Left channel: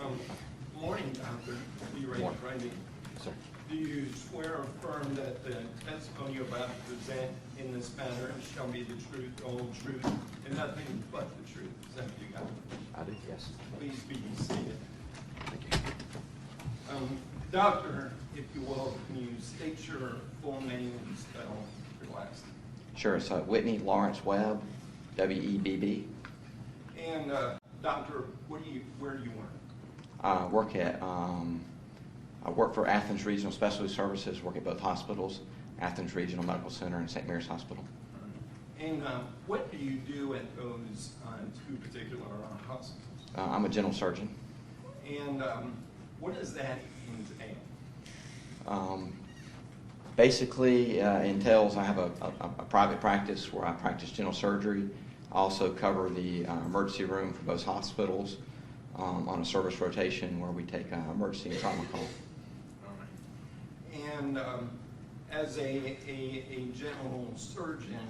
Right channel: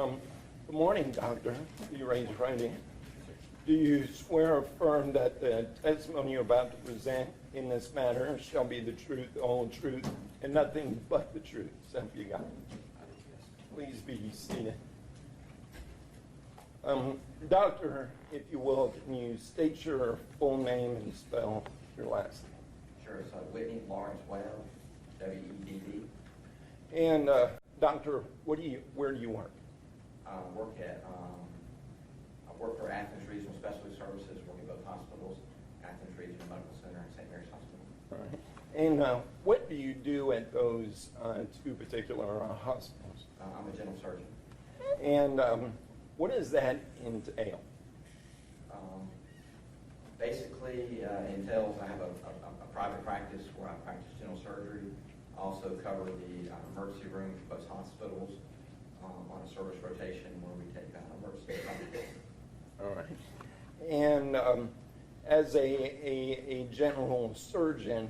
Good morning, Doctor. You ready to Friday? Sir. Do you swear or affirm that the testimony you're about to present in this matter shall be the truth, the whole truth, and nothing but the truth? Is that what you got? I do, yes. Please be seated. Doctor, if you will, can you state your full name and spell your last name? Sure. So Whitney Lawrence Webb, W-E-B-B. And Doctor, where do you work? I work for Athens Regional Specialty Services, work at both hospitals, Athens Regional Medical Center and St. Mary's Hospital. And what do you do at those two particular hospitals? I'm a general surgeon. And what does that entail? Basically, entails I have a private practice where I practice general surgery. I also cover the emergency room for both hospitals on a service rotation where we take emergency and trauma calls. All right. And as a general surgeon,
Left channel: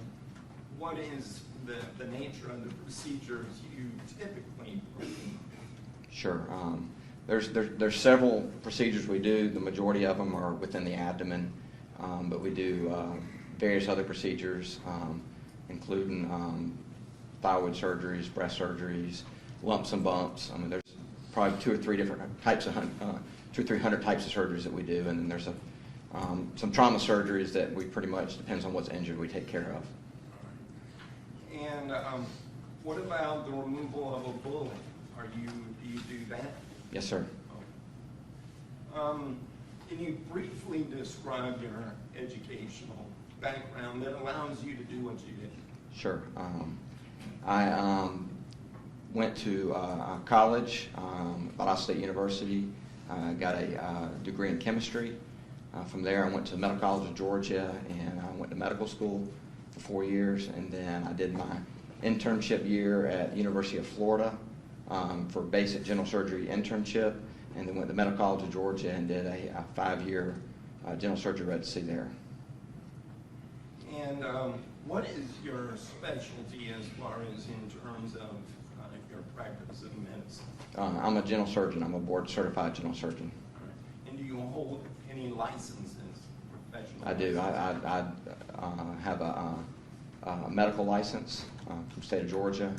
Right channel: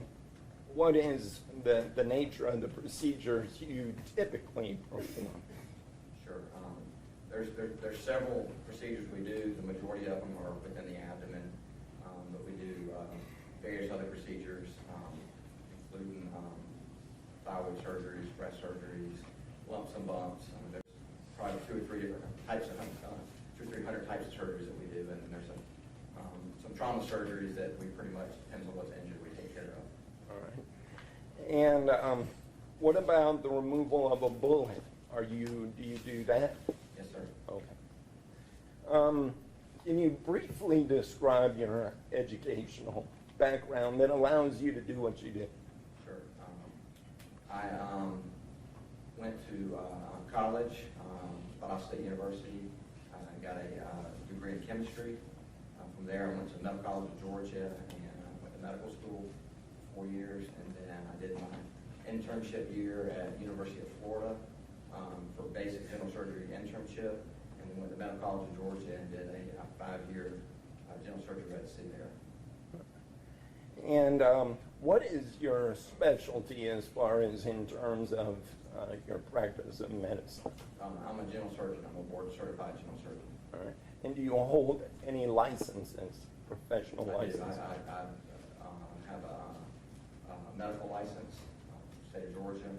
what is the nature of the procedures you typically perform? Sure. There's several procedures we do. The majority of them are within the abdomen, but we do various other procedures, including thyroid surgeries, breast surgeries, lumps and bumps. I mean, there's probably 200 or 300 types of surgeries that we do, and then there's some trauma surgeries that we pretty much, depends on what's injured, we take care of. All right. And what about the removal of a bullet? Do you do that? Yes, sir. Okay. Can you briefly describe your educational background that allows you to do what you did? Sure. I went to college, Valdosta State University. Got a degree in chemistry. From there, I went to the Medical College of Georgia, and I went to medical school for 4 years, and then I did my internship year at the University of Florida for basic general surgery internship, and then went to the Medical College of Georgia and did a 5-year general surgery residency there. And what is your specialty as far as in terms of your practice of medicine? I'm a general surgeon. I'm a board-certified general surgeon. All right. And do you hold any licenses, professional licenses? I do. I have a medical license from the state of Georgia,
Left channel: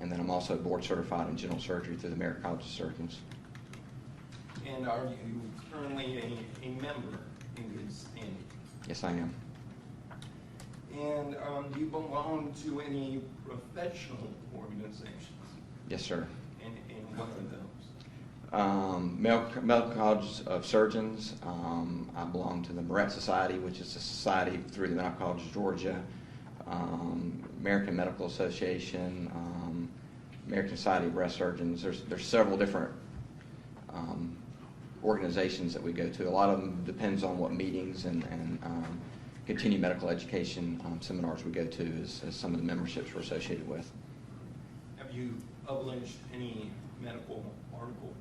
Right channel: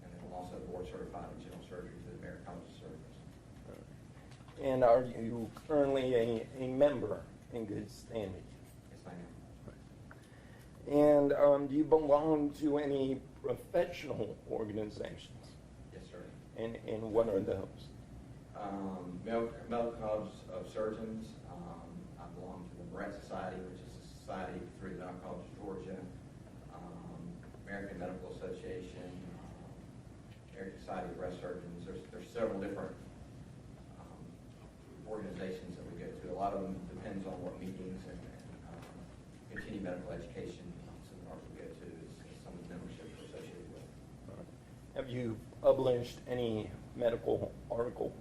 and then I'm also board-certified in general surgery through the American College of Surgeons. And are you currently a member in good standing? Yes, I am. And do you belong to any professional organizations? Yes, sir. And what are those? Medical College of Surgeons. I belong to the Moret Society, which is a society through the Medical College of Georgia, American Medical Association, American Society of Breast Surgeons. There's several different organizations that we go to. A lot of them depends on what meetings and continuing medical education seminars we go to as some of the memberships we're associated with. Have you published any medical articles?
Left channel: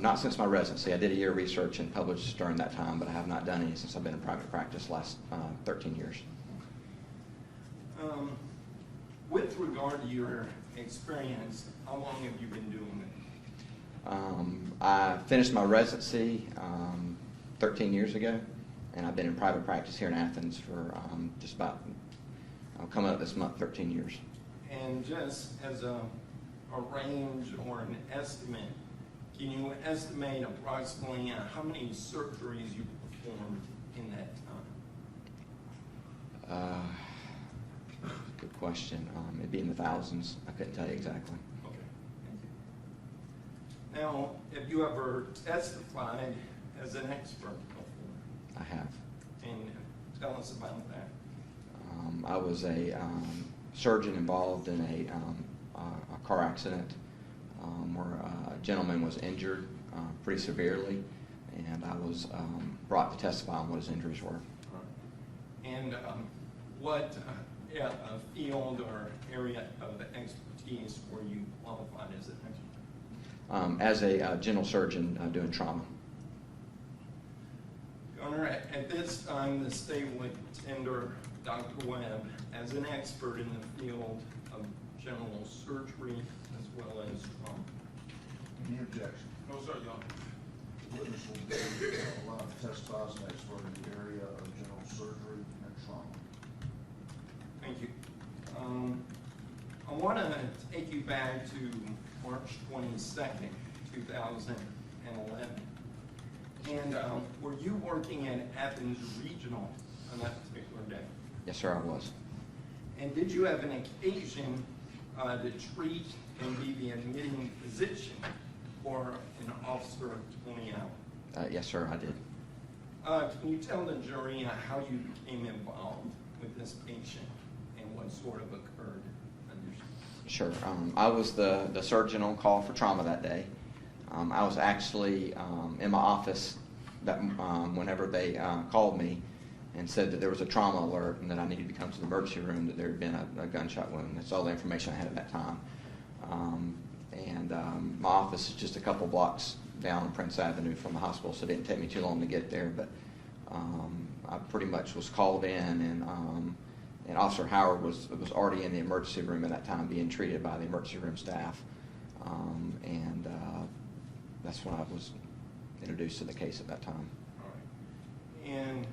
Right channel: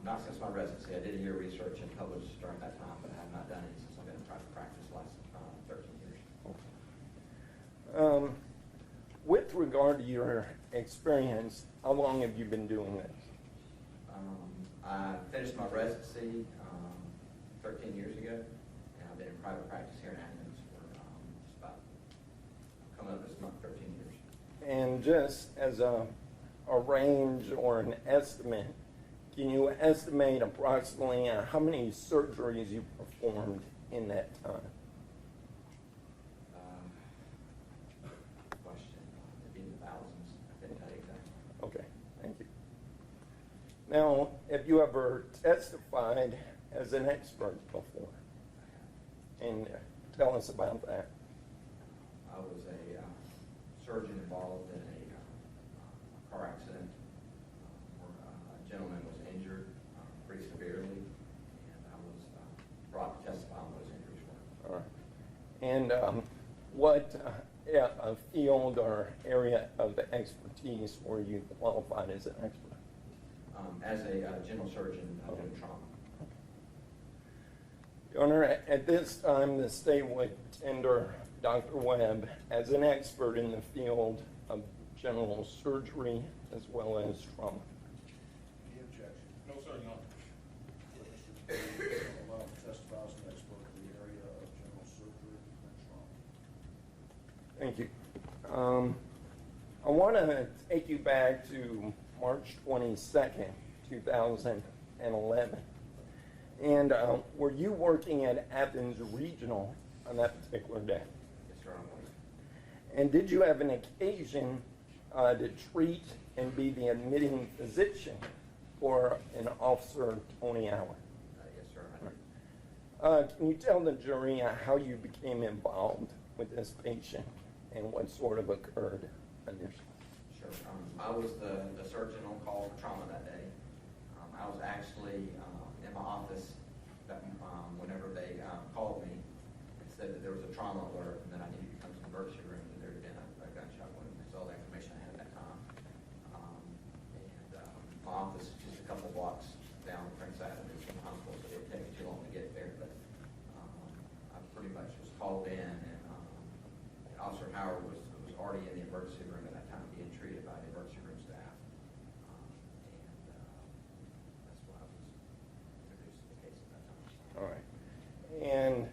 Not since my residency. I did a year of research and published during that time, but I have not done any since I've been in private practice the last 13 years. With regard to your experience, how long have you been doing it? I finished my residency 13 years ago, and I've been in private practice here in Athens for just about, coming up this month, 13 years. And just as a range or an estimate, can you estimate approximately how many surgeries you performed in that time? Good question. It'd be in the thousands. I couldn't tell you exactly. Okay, thank you. Now, have you ever testified as an expert before? I have. And tell us about that. I was a surgeon involved in a car accident where a gentleman was injured pretty severely, and I was brought to testify on what his injuries were. All right. And what field or area of expertise were you qualified as an expert? As a general surgeon doing trauma. Your Honor, at this time, the state would tender Dr. Webb as an expert in the field of general surgery as well as trauma. Any objection? No, sir, Your Honor. Witness will be allowed to testify as an expert in the area of general surgery and trauma. Thank you. I want to take you back to March 22nd, 2011. And were you working at Athens Regional on that particular day? Yes, sir, I was. And did you have an occasion to treat and be the admitting physician for an officer, Tony Allen? Yes, sir, I did. Can you tell the jury how you became involved with this patient and what sort of occurred initially? Sure. I was the surgeon on call for trauma that day. I was actually in my office whenever they called me and said that there was a trauma alert and that I needed to come to the emergency room, that there had been a gunshot wound. That's all the information I had at that time. My office is just a couple blocks down Prince Avenue from the hospital, so it didn't take me too long to get there. But I pretty much was called in, and Officer Howard was already in the emergency room at that time, being treated by the emergency room staff. That's when I was introduced to the case at that time. All right. And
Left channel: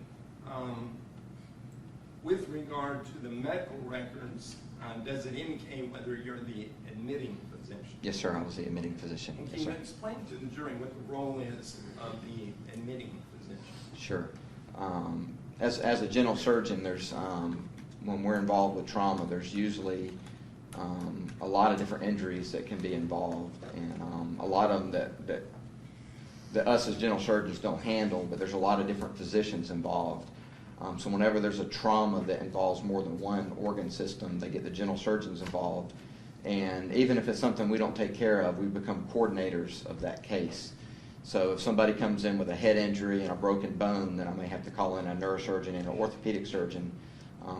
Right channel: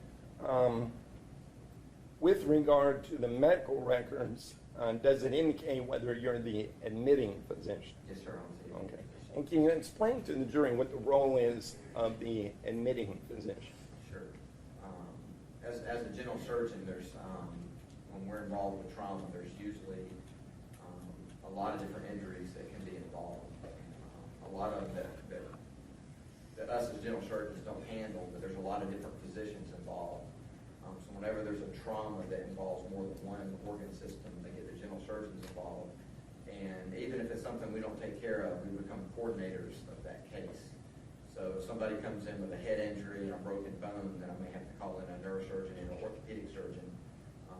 with regard to the medical records, does it indicate whether you're the admitting physician? Yes, sir, I was the admitting physician. And can you explain to the jury what the role is of the admitting physician? Sure. As a general surgeon, there's when we're involved with trauma, there's usually a lot of different injuries that can be involved, and a lot of them that us as general surgeons don't handle, but there's a lot of different physicians involved. So whenever there's a trauma that involves more than one organ system, they get the general surgeons involved. And even if it's something we don't take care of, we become coordinators of that case. So if somebody comes in with a head injury and a broken bone, then I may have to call in a neurosurgeon and an orthopedic surgeon.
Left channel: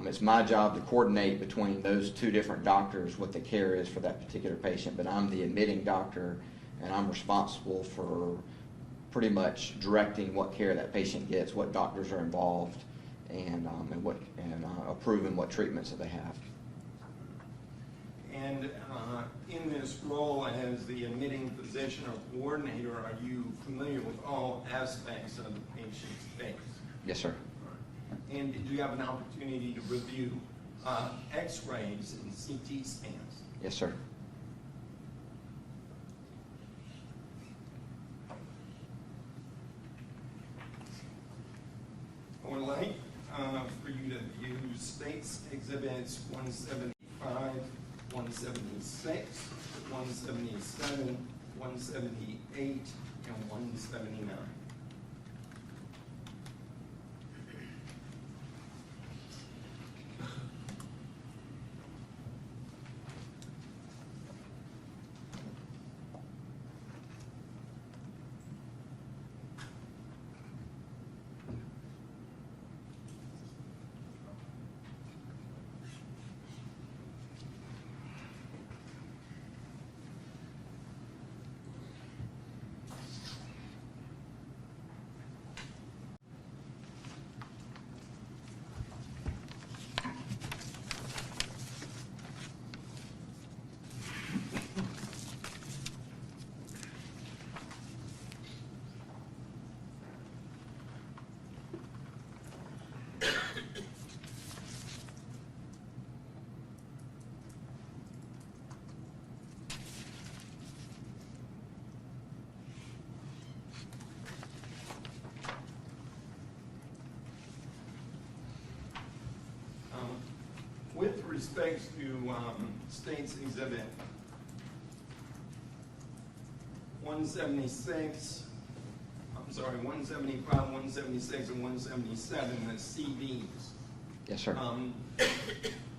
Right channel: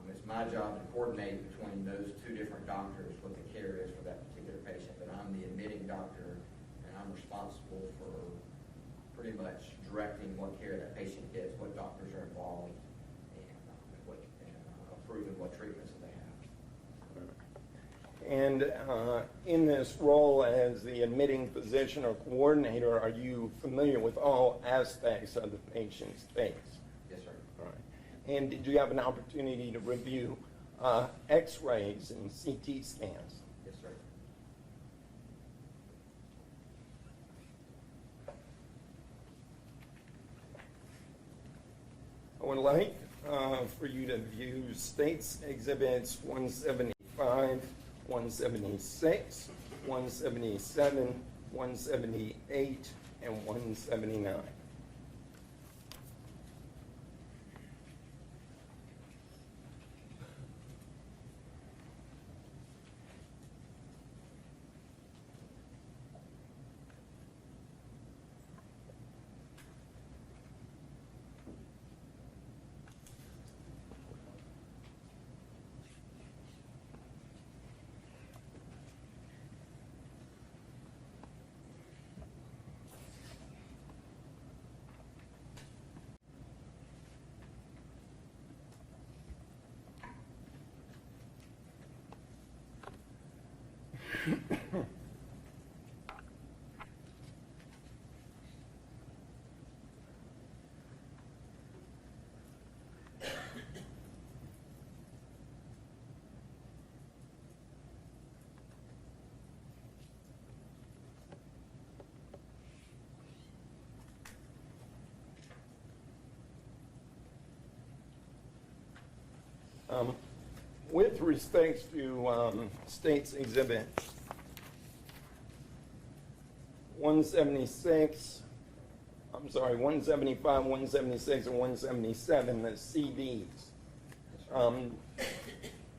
It's my job to coordinate between those two different doctors what the care is for that particular patient, but I'm the admitting doctor, and I'm responsible for pretty much directing what care that patient gets, what doctors are involved, and approving what treatments that they have. And in this role as the admitting physician or coordinator, are you familiar with all aspects of the patient's case? Yes, sir. All right. And did you have an opportunity to review x-rays and CT scans? Yes, sir. I would like for you to view States Exhibits 175, 176, 177, 178, and 179. With respect to States Exhibit 175, 176, and 177, the CDs. Yes, sir.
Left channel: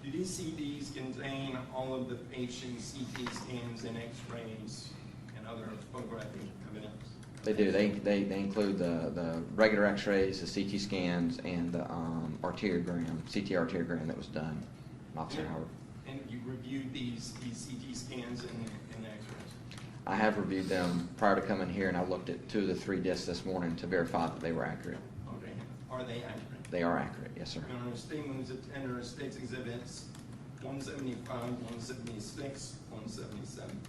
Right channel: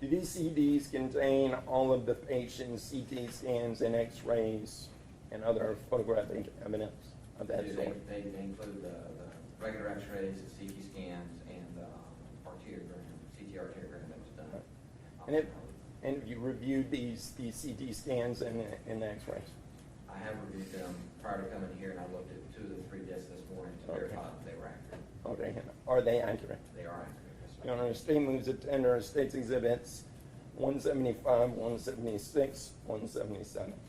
Do these CDs contain all of the patient's CT scans and x-rays and other photographic evidence? They do. They include the regular x-rays, the CT scans, and the CT arteriogram that was done. And you reviewed these CT scans and the x-rays? I have reviewed them prior to coming here, and I looked at 2 of the 3 discs this morning to verify that they were accurate. Okay. Are they accurate? They are accurate, yes, sir. Your Honor, state moves to tender States Exhibits 175, 176, 177.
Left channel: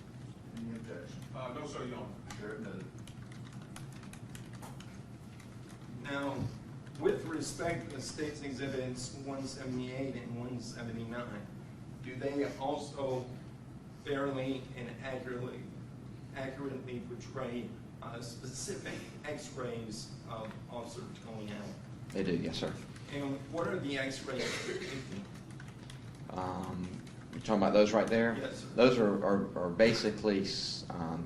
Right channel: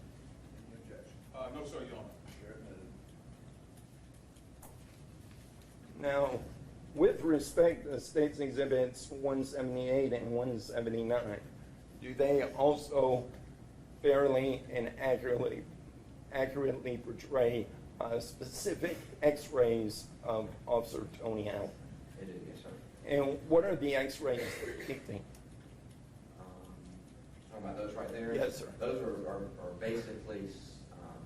Any objection? No, sir, Your Honor. Chair admitted. respect to State's Exhibits 178 and 179, do they also fairly and accurately portray specific X-rays of Officer Tony Allen? They do, yes, sir. And what are the X-rays depicting? You're talking about those right there? Yes, sir. Those are basically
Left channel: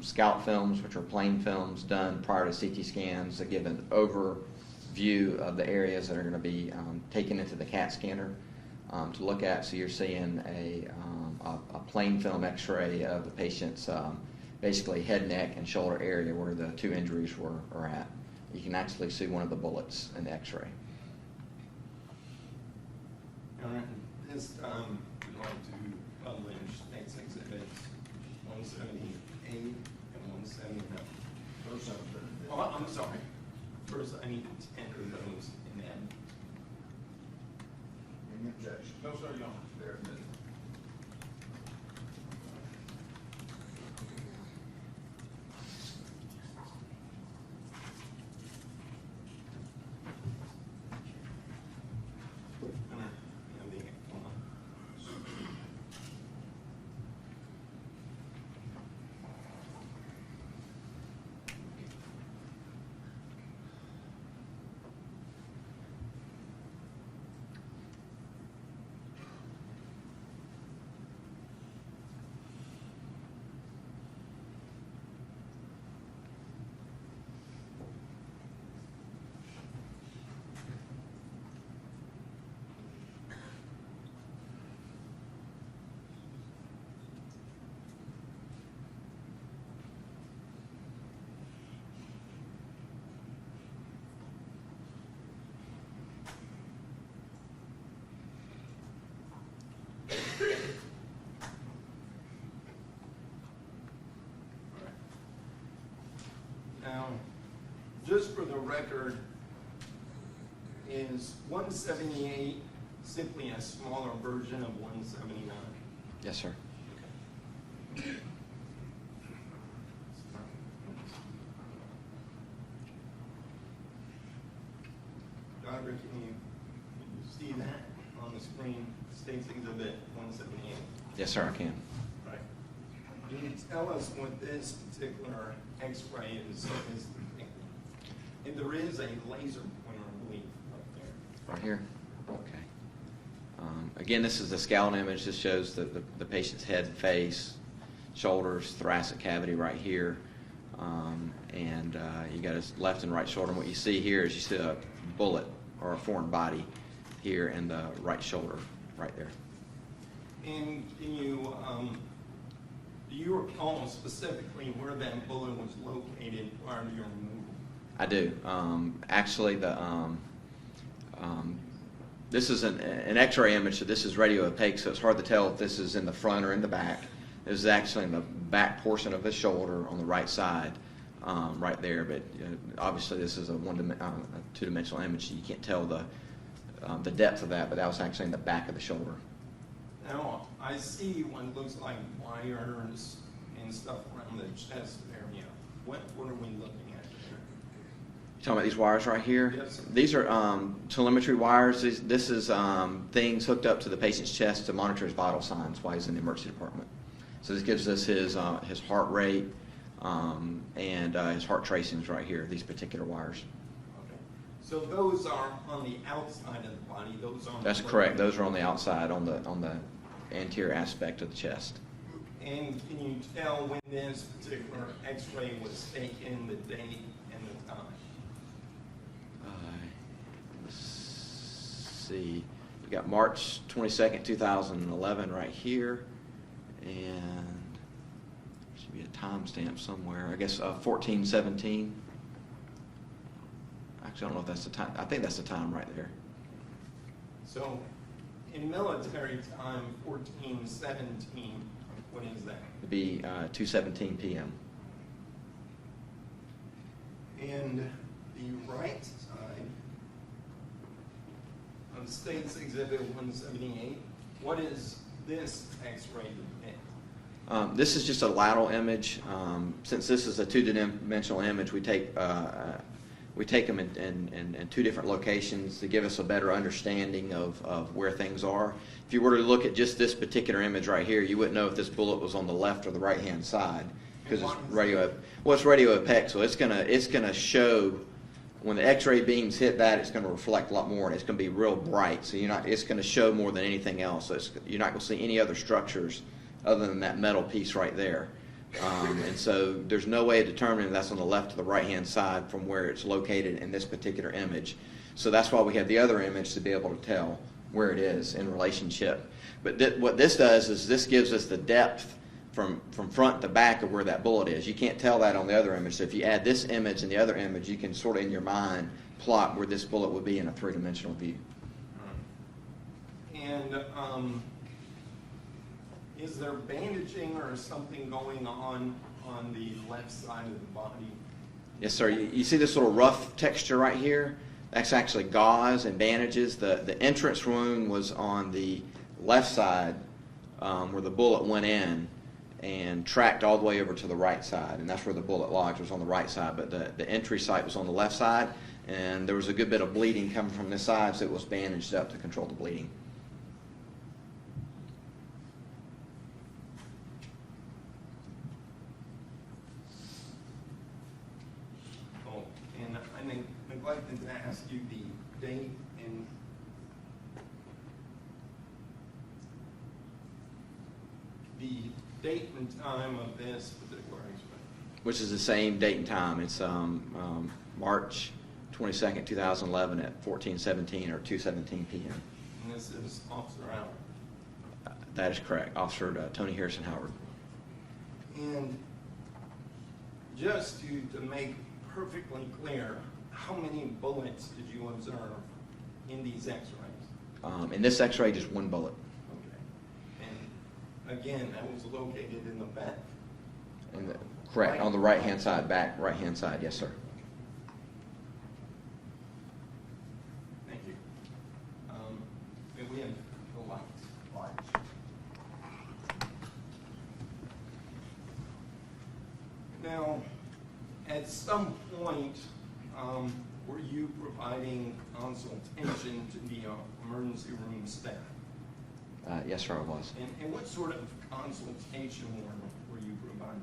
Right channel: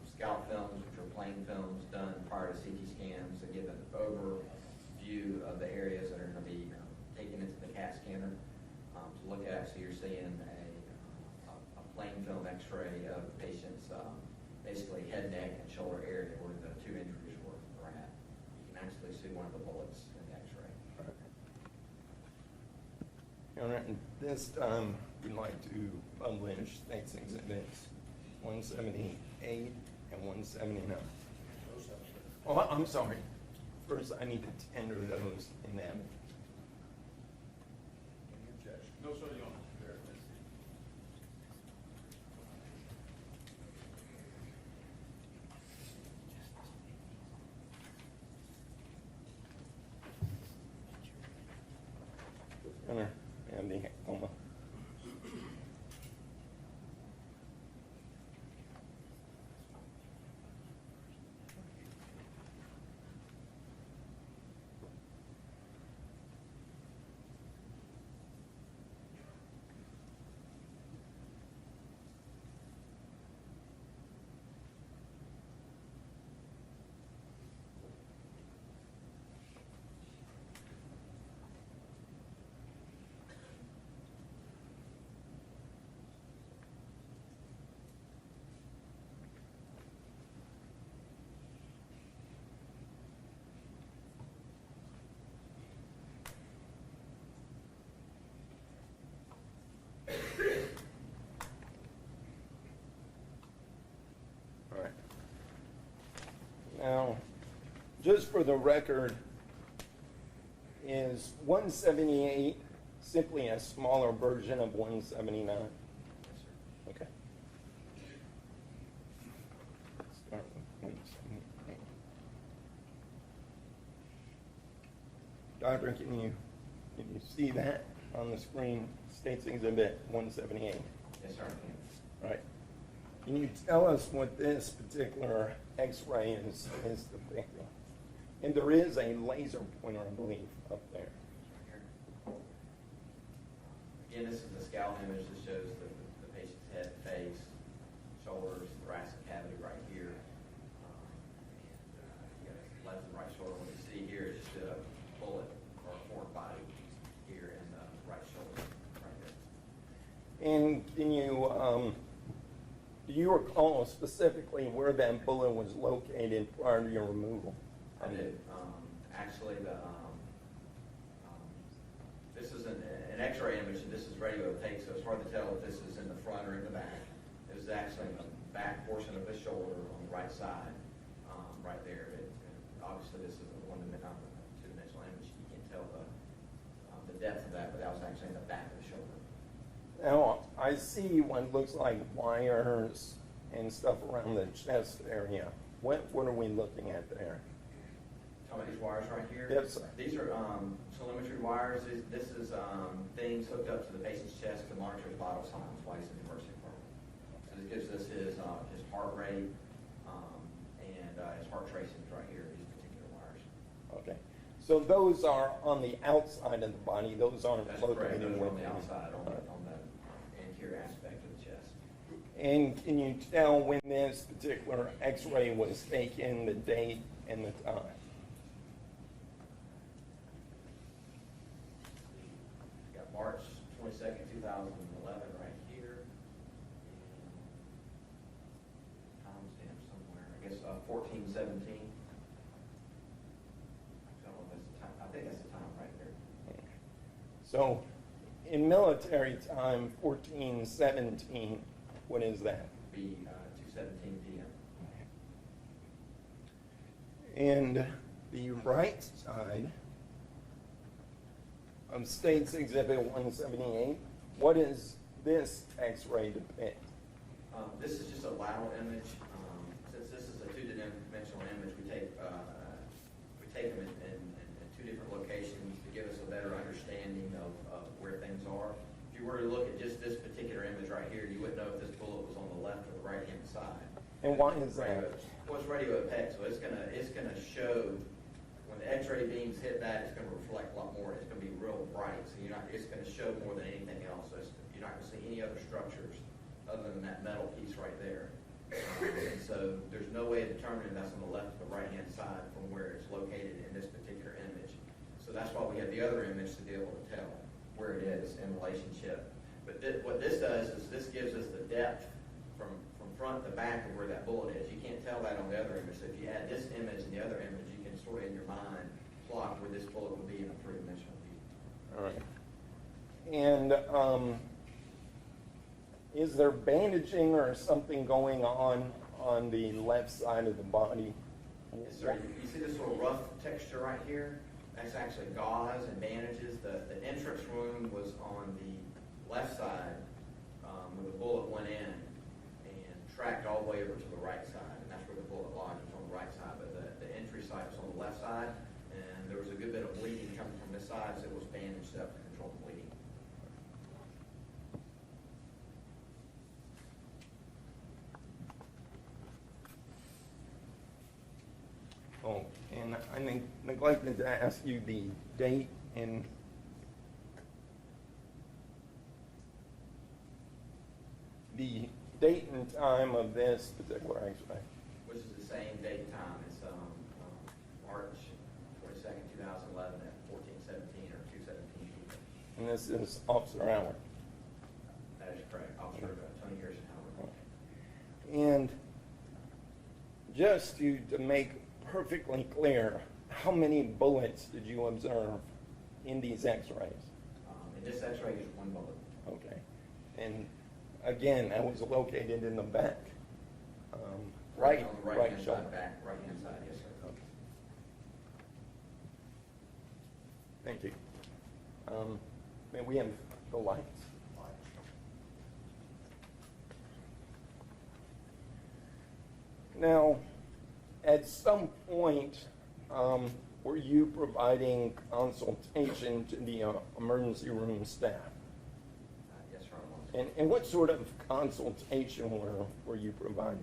scout films, which are plain films done prior to CT scans that give an overview of the areas that are going to be taken into the CAT scanner to look at. So you're seeing a plain film X-ray of the patient's basically head, neck, and shoulder area where the two injuries are at. You can actually see one of the bullets in the X-ray. And at this time, we'd like to publish State's Exhibits 178 and 179. Those have been. Oh, I'm sorry. First, I need to tender those in that. Any objection? No, sir, Your Honor. They're admitted. Gunner, and the, hold on. All right. Now, just for the record, is 178 simply a smaller version of 179? Yes, sir. Okay. Doctor, can you see that on the screen? State's Exhibit 178. Yes, sir, I can. All right. Can you tell us what this particular X-ray is depicting? And there is a laser pointer, I believe, up there. Right here? Okay. Again, this is the scout image. This shows the patient's head, face, shoulders, thoracic cavity right here. And you got his left and right shoulder. And what you see here is you see a bullet or a foreign body here in the right shoulder, right there. And can you, do you recall specifically where that bullet was located prior to your removal? I do. Actually, this is an X-ray image, so this is radio opaque, so it's hard to tell if this is in the front or in the back. This is actually in the back portion of the shoulder on the right side, right there. But obviously, this is a two-dimensional image, so you can't tell the depth of that. But that was actually in the back of the shoulder. Now, I see what looks like wires and stuff around the chest area. What are we looking at there? Talking about these wires right here? Yes, sir. These are telemetry wires. This is things hooked up to the patient's chest to monitor his vital signs while he's in the emergency department. So this gives us his heart rate and his heart tracings right here, these particular wires. Okay. So those are on the outside of the body. Those aren't. That's correct. Those are on the outside, on the anterior aspect of the chest. And can you tell when this particular X-ray was taken, the date and the time? Let's see. We got March 22nd, 2011 right here. And there should be a timestamp somewhere. I guess 1417. Actually, I don't know if that's the time. I think that's the time right there. So in military time, 1417, what is that? It'd be 2:17 p.m. And the right side of State's Exhibit 178, what is this X-ray depict? This is just a lateral image. Since this is a two-dimensional image, we we take them in two different locations to give us a better understanding of where things are. If you were to look at just this particular image right here, you wouldn't know if this bullet was on the left or the right-hand side because it's radio. Well, it's radio opaque, so it's gonna show when the X-ray beams hit that, it's going to reflect a lot more, and it's going to be real bright. So it's going to show more than anything else. So you're not going to see any other structures other than that metal piece right there. And so there's no way of determining if that's on the left or the right-hand side from where it's located in this particular image. So that's why we have the other image to be able to tell where it is in relationship. But what this does is this gives us the depth from front to back of where that bullet is. You can't tell that on the other image. So if you add this image and the other image, you can sort of in your mind plot where this bullet would be in a three-dimensional view. All right. And is there bandaging or something going on the left side of the body? Yes, sir. You see this little rough texture right here? That's actually gauze and bandages. The entrance wound was on the left side where the bullet went in and tracked all the way over to the right side, and that's where the bullet lodged, was on the right side, but the entry site was on the left side, and there was a good bit of bleeding coming from this side, so it was bandaged up to control the bleeding. Oh, and I neglected to ask you the date and time of this particular X-ray. Which is the same date and time. It's March 22nd, 2011 at 14:17 or 2:17 p.m. And this is Officer Howard. That is correct. Officer Tony Harrison Howard. And just to make perfectly clear, how many bullets did you observe in these X-rays? In this X-ray, just one bullet. Okay. And again, that was located in the back. Correct, on the right-hand side, back right-hand side, yes, sir. Thank you. May we have the lights? Now, at some point, were you providing consultation to the emergency room staff? Yes, sir, I was. And what sort of consultation were you providing?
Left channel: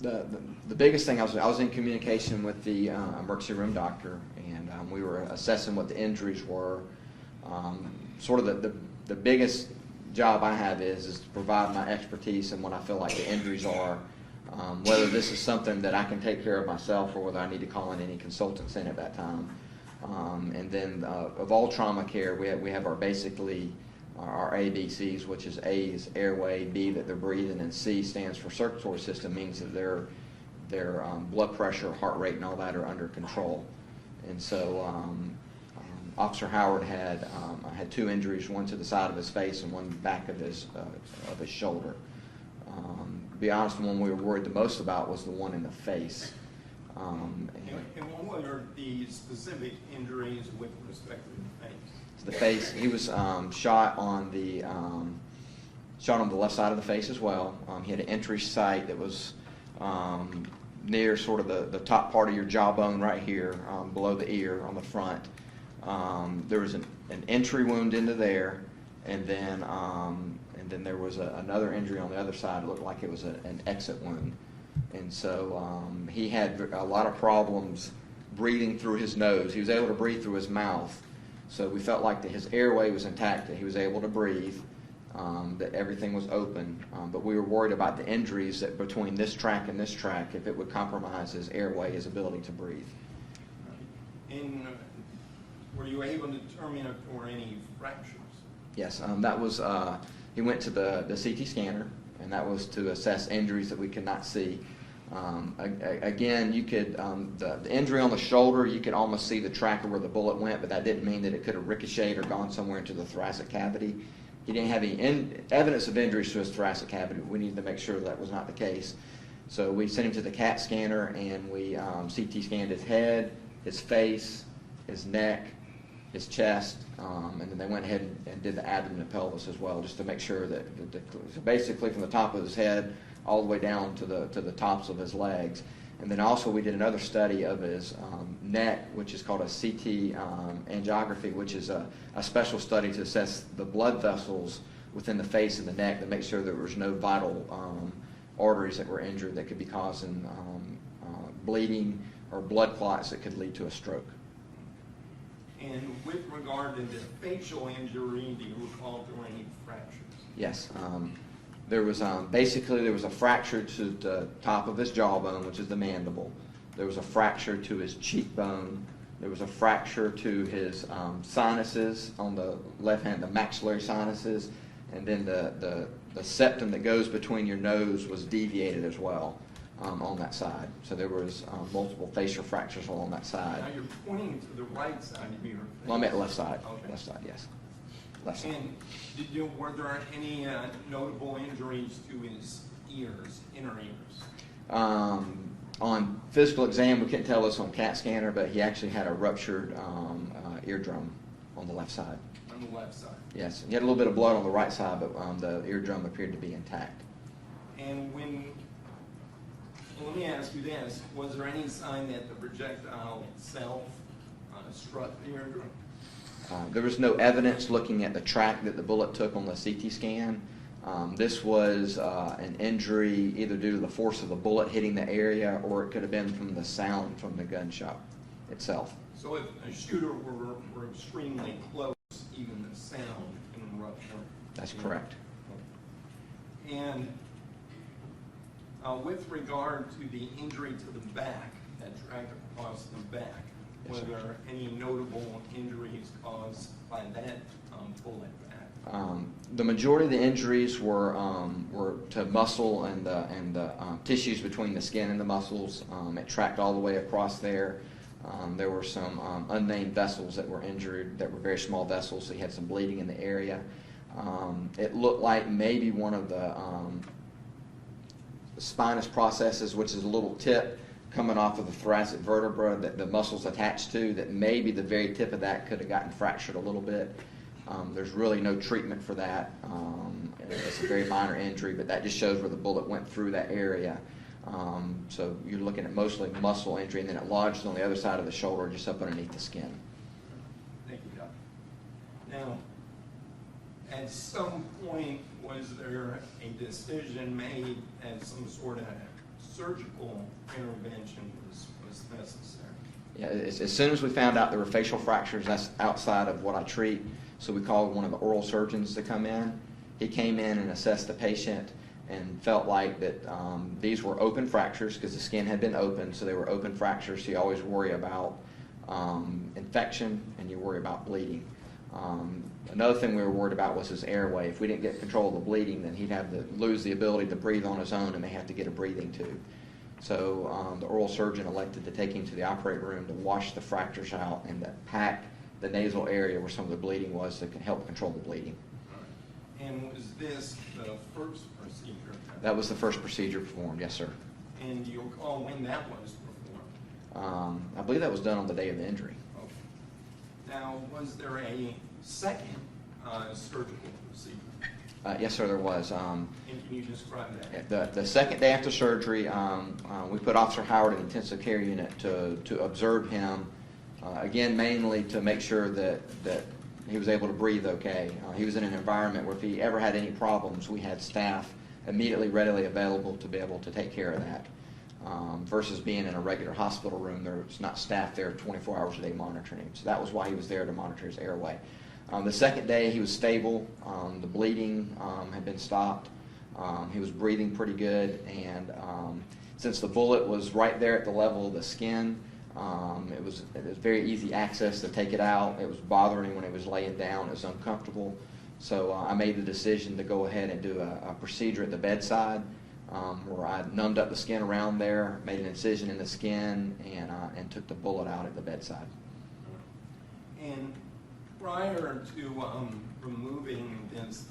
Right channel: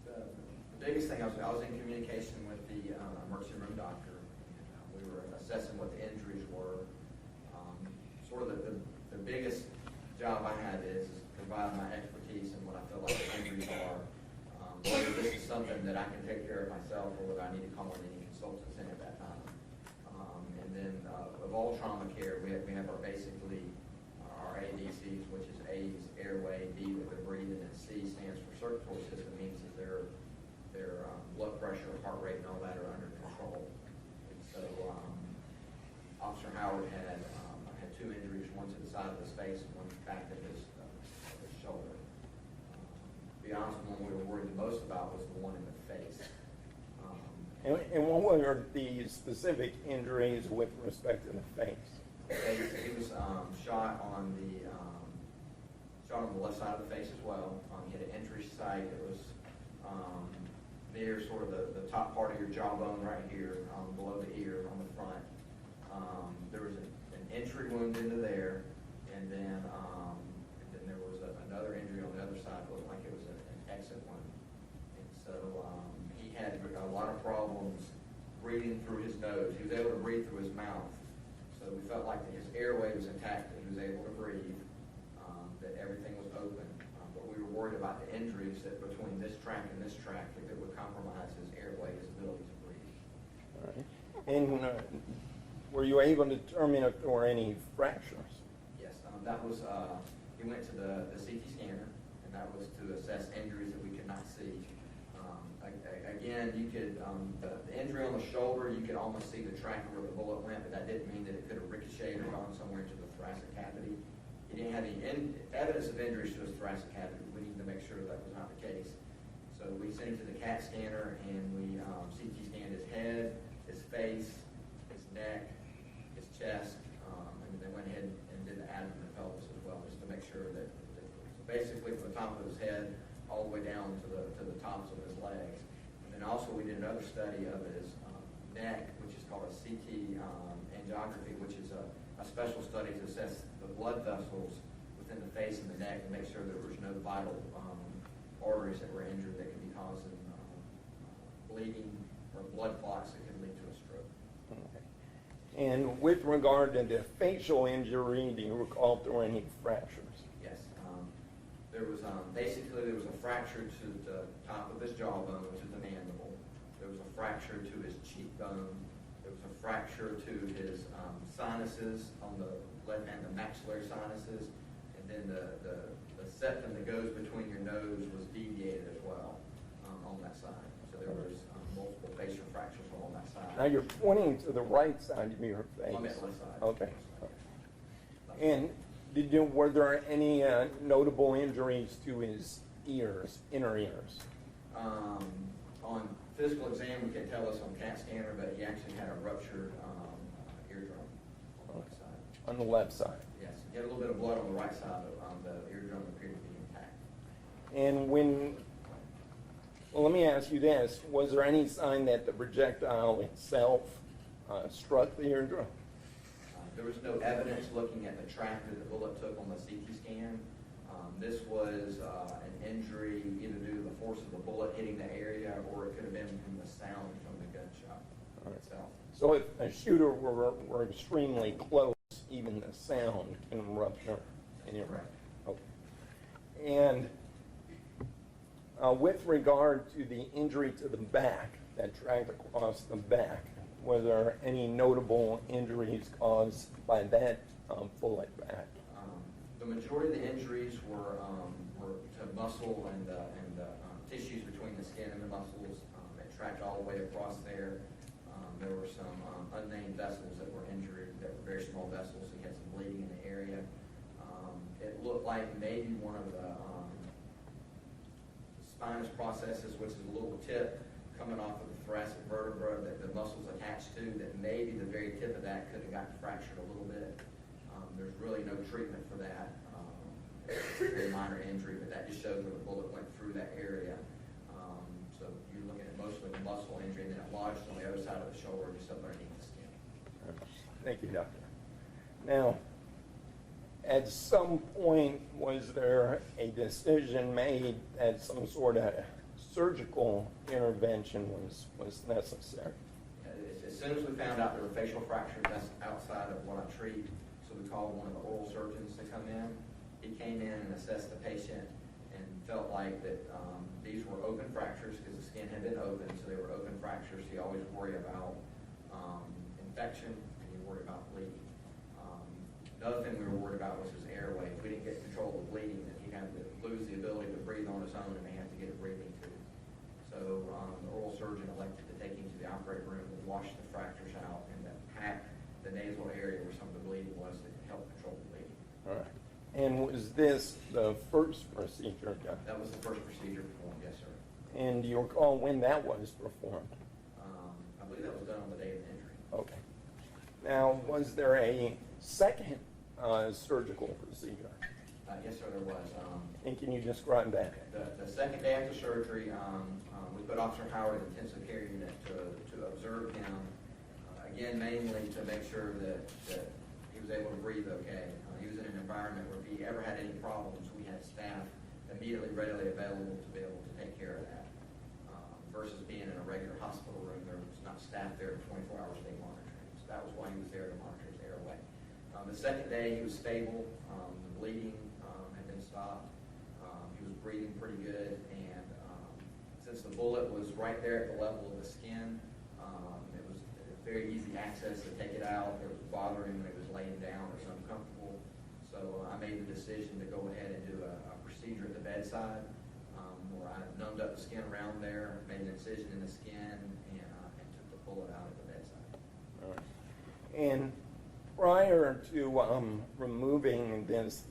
The biggest thing, I was in communication with the emergency room doctor, and we were assessing what the injuries were. Sort of the biggest job I have is to provide my expertise and what I feel like the injuries are, whether this is something that I can take care of myself or whether I need to call in any consultants in at that time. And then of all trauma care, we have our basically our ABCs, which is A is airway, B that they're breathing, and C stands for circulatory system, means that their blood pressure, heart rate, and all that are under control. And so Officer Howard had two injuries, one to the side of his face and one back of his shoulder. To be honest, the one we were worried the most about was the one in the face. And what were the specific injuries with respect to the face? The face, he was shot on the left side of the face as well. He had an entry site that was near sort of the top part of your jawbone right here, below the ear on the front. There was an entry wound into there, and then there was another injury on the other side. It looked like it was an exit wound. And so he had a lot of problems breathing through his nose. He was able to breathe through his mouth. So we felt like that his airway was intact, that he was able to breathe, that everything was open. But we were worried about the injuries that between this track and this track, if it would compromise his airway, his ability to breathe. And were you able to determine if there were any fractures? Yes, that was, he went to the CT scanner, and that was to assess injuries that we could not see. Again, you could, the injury on the shoulder, you could almost see the track of where the bullet went, but that didn't mean that it could have ricocheted or gone somewhere into the thoracic cavity. He didn't have any evidence of injuries to his thoracic cavity. We needed to make sure that was not the case. So we sent him to the CAT scanner, and we CT scanned his head, his face, his neck, his chest, and then they went ahead and did the abdomen and pelvis as well, just to make sure that so basically from the top of his head all the way down to the tops of his legs. And then also we did another study of his neck, which is called a CT angiography, which is a special study to assess the blood vessels within the face and the neck to make sure there was no vital arteries that were injured that could be causing bleeding or blood clots that could lead to a stroke. And with regard to the facial injury, do you recall there were any fractures? Yes. There was basically there was a fracture to the top of his jawbone, which is the mandible. There was a fracture to his cheekbone. There was a fracture to his sinuses on the left hand, the maxillary sinuses, and then the septum that goes between your nose was deviated as well on that side. So there was multiple facial fractures along that Now side. you're pointing to the right side of your face. Well, I'm at the left side. Okay. Left side, yes. Left side. And were there any notable injuries to his ears, inner ears? On physical exam, we couldn't tell this on CAT scanner, but he actually had a ruptured eardrum on the left side. On the left side. Yes, he had a little bit of blood on the right side, but the eardrum appeared to be intact. And well, let me ask you this, was there any sign that the projectile itself struck the eardrum? There was no evidence looking at the track that the bullet took on the CT scan. This was an injury either due to the force of the bullet hitting the area, or it could have been from the sound from the gunshot itself. So if a shooter were extremely close, even the sound can rupture? That's correct. Okay. And with regard to the injury to the back that dragged across the back, were there any notable injuries caused by that bullet back? The majority of the injuries were to muscle and the tissues between the skin and the muscles. It tracked all the way across there. There were some unnamed vessels that were injured that were very small vessels. So he had some bleeding in the area. It looked like maybe one of the spinous processes, which is a little tip coming off of the thoracic vertebra that the muscle's attached to, that maybe the very tip of that could have gotten fractured a little bit. There's really no treatment for that. It's a very minor injury, but that just shows where the bullet went through that area. So you're looking at mostly muscle injury, and then it lodged on the other side of the shoulder, just up underneath the skin. Thank you, Doctor. Now, at some point, was there a decision made that some sort of surgical intervention was necessary? Yeah, as soon as we found out there were facial fractures, that's outside of what I treat, so we called one of the oral surgeons to come in. He came in and assessed the patient and felt like that these were open fractures because the skin had been opened, so they were open fractures. So you always worry about infection and you worry about bleeding. Another thing we were worried about was his airway. If we didn't get control of the bleeding, then he'd have to lose the ability to breathe on his own and may have to get a breathing tube. So the oral surgeon elected to take him to the operating room to wash the fractures out and to pack the nasal area where some of the bleeding was to help control the bleeding. All right. And was this the first procedure? That was the first procedure performed, yes, sir. And do you recall when that was performed? I believe that was done on the day of the injury. Okay. Now, was there a second surgical procedure? Yes, sir, there was. And can you describe that? The second day after surgery, we put Officer Howard in the intensive care unit to observe him, again, mainly to make sure that he was able to breathe okay. He was in an environment where if he ever had any problems, we had staff immediately readily available to be able to take care of that. Versus being in a regular hospital room, there's not staff there 24 hours a day monitoring him. So that was why he was there, to monitor his airway. The second day, he was stable. The bleeding had been stopped. He was breathing pretty good, and since the bullet was right there at the level of the skin, it was very easy access to take it out. It was bothering him when he was laying down. It was uncomfortable. So I made the decision to go ahead and do a procedure at the bedside where I numbed up the skin around there, made an incision in the skin, and took the bullet out at the bedside. And prior to removing this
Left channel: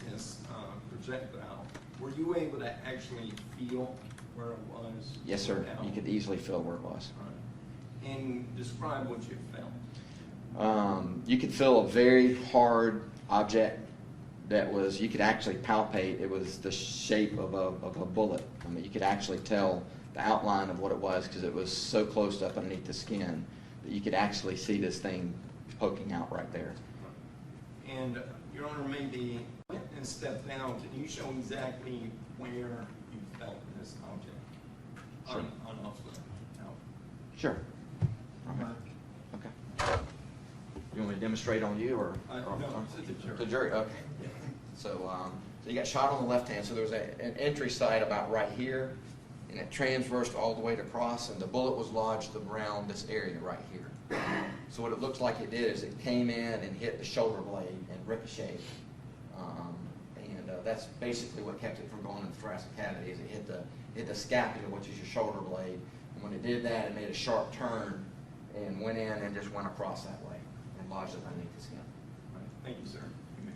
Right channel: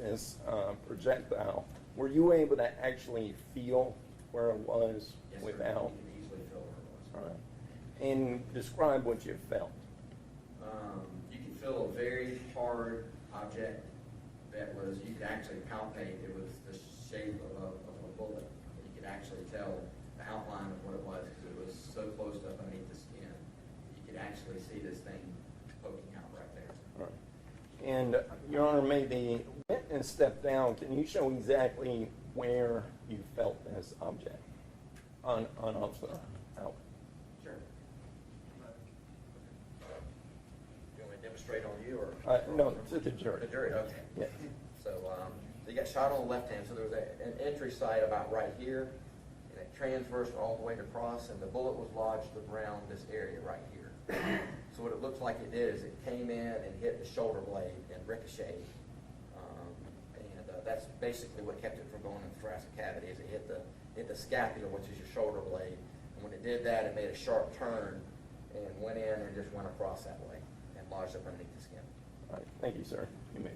projectile, were you able to actually feel where it was? Yes, sir. You could easily feel where it was. All right. And describe what you felt. You could feel a very hard object that was, you could actually palpate. It was the shape of a bullet. I mean, you could actually tell outline of what it was, because it was so close up underneath the skin that you could actually see this thing poking out right there. And Your Honor, maybe witness step down. Can you show exactly where you felt this object on Officer Howard? Sure. Okay. You want me to demonstrate on you, or? No, to the jury. The jury, okay. Yeah. So, so you got shot on the left hand, so there was an entry site about right here, and it transversed all the way across, and the bullet was lodged around this area right here. So what it looks like it did is it came in and hit the shoulder blade and ricocheted. And that's basically what kept it from going in the thoracic cavity, is it hit the scapula, which is your shoulder blade. And when it did that, it made a sharp turn and went in and just went across that way and lodged up underneath the skin. All right. Thank you, sir. You may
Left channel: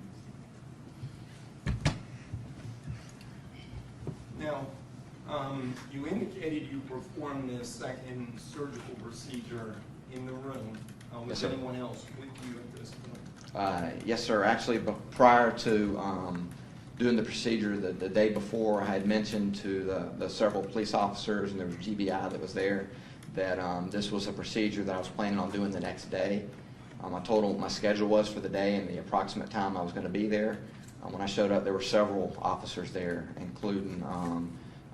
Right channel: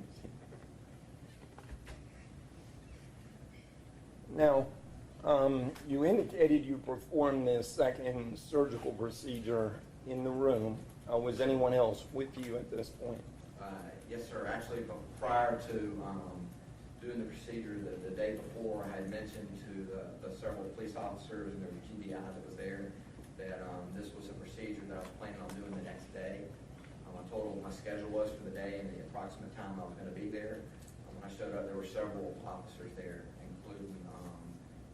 proceed. Now, you indicated you performed this second surgical procedure in the room. Was Yes, sir. anyone else with you at this point? Yes, sir. Actually, prior to doing the procedure, the day before, I had mentioned to the several police officers, and there was GBI that was there, that this was a procedure that I was planning on doing the next day. I told them what my schedule was for the day and the approximate time I was going to be there. When I showed up, there were several officers there, including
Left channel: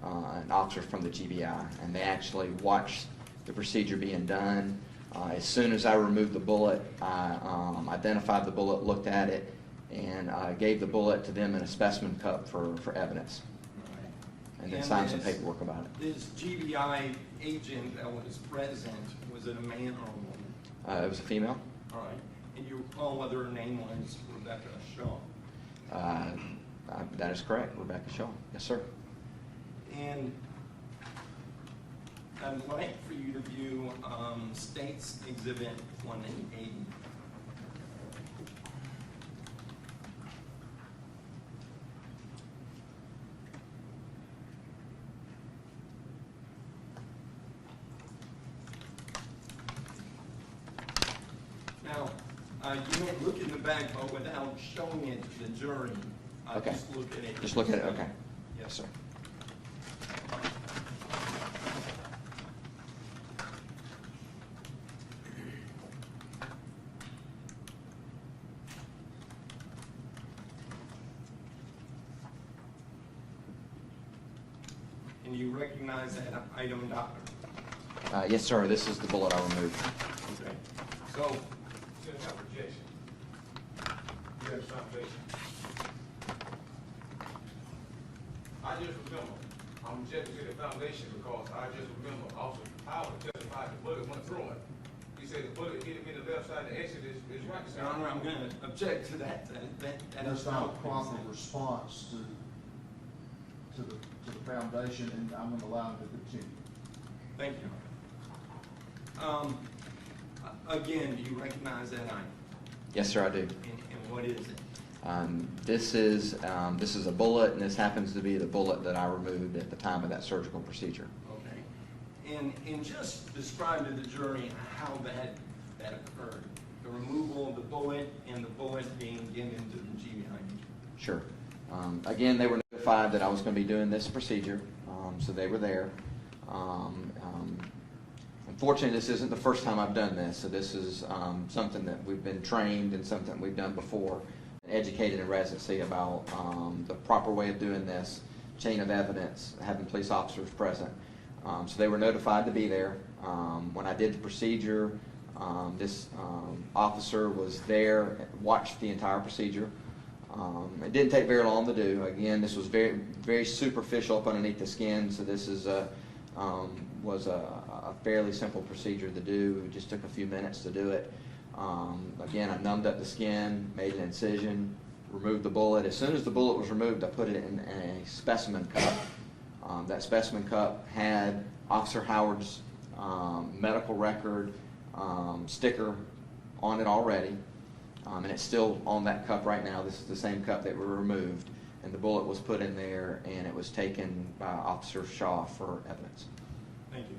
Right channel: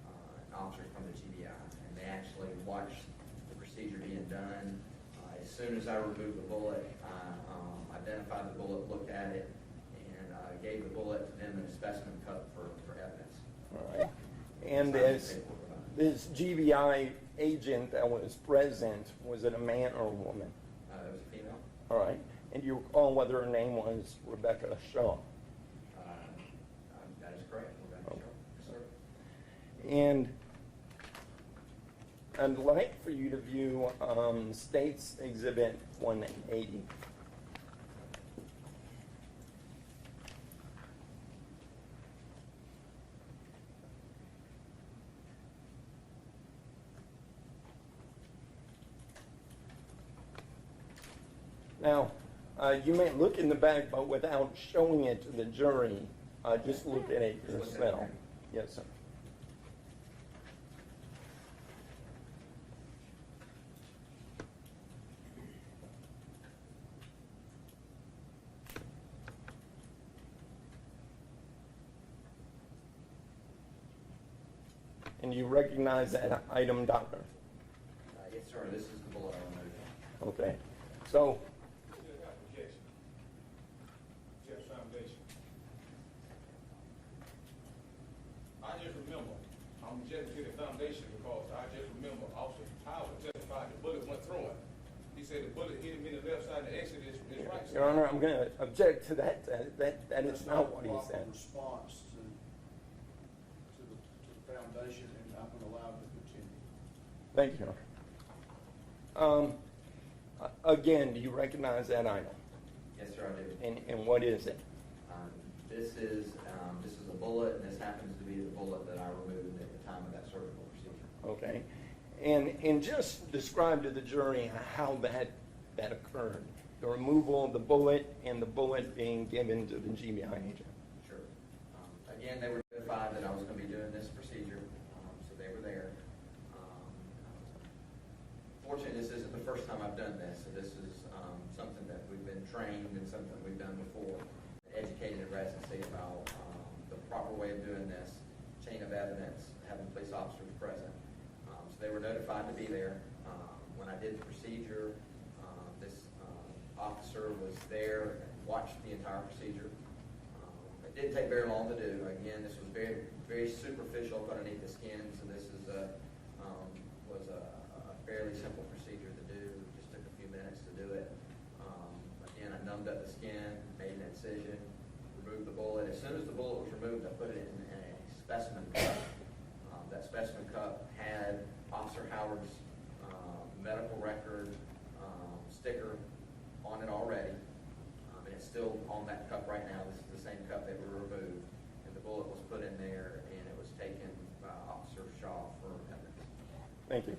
an officer from the GBI, and they actually watched the procedure being done. As soon as I removed the bullet, I identified the bullet, looked at it, and gave the bullet to them in a specimen cup for evidence. All right. And then signed some paperwork about it. This GBI agent that was present, was it a man or a woman? It was a female. All right. And you recall whether her name was Rebecca Shaw? That is correct, Rebecca Shaw. Yes, sir. And I'd like for you to view State's Exhibit 180. Now, you may look in the back, but without showing it to the jury, Okay. just look at it. Just look at it, yourself. okay. Yes, sir. And you recognize that item, doctor? Yes, sir. This is the bullet I removed. Okay. So, It's not rejection. You have foundation. I just remember, I'm rejecting to the foundation because I just remember Officer Howard testified the bullet went through him. He said the bullet hit him in the left side, the exit is right side. Your Honor, I'm going to object to that. That is That's not not a what he proper said. response to the foundation, and I'm going to allow him to continue. Thank you, Your Honor. Again, do you recognize that item? Yes, sir, I do. And what is it? This is a bullet, and this happens to be the bullet that I removed at the time of that surgical procedure. Okay. And just describe to the jury how that occurred. The removal of the bullet and the bullet being given to the GBI agent. Sure. Again, they were notified that I was going to be doing this procedure, so they were there. Unfortunately, this isn't the first time I've done this, so this is something that we've been trained and something we've done before, educated in residency about the proper way of doing this, chain of evidence, having police officers present. So they were notified to be there. When I did the procedure, this officer was there, watched the entire procedure. It didn't take very long to do. Again, this was very, very superficial up underneath the skin, so this is was a fairly simple procedure to do. It just took a few minutes to do it. Again, I numbed up the skin, made an incision, removed the bullet. As soon as the bullet was removed, I put it in a specimen cup. That specimen cup had Officer Howard's medical record sticker on it already. And it's still on that cup right now. This is the same cup that we removed. And the bullet was put in there, and it was taken by Officer Shaw for evidence. Thank you.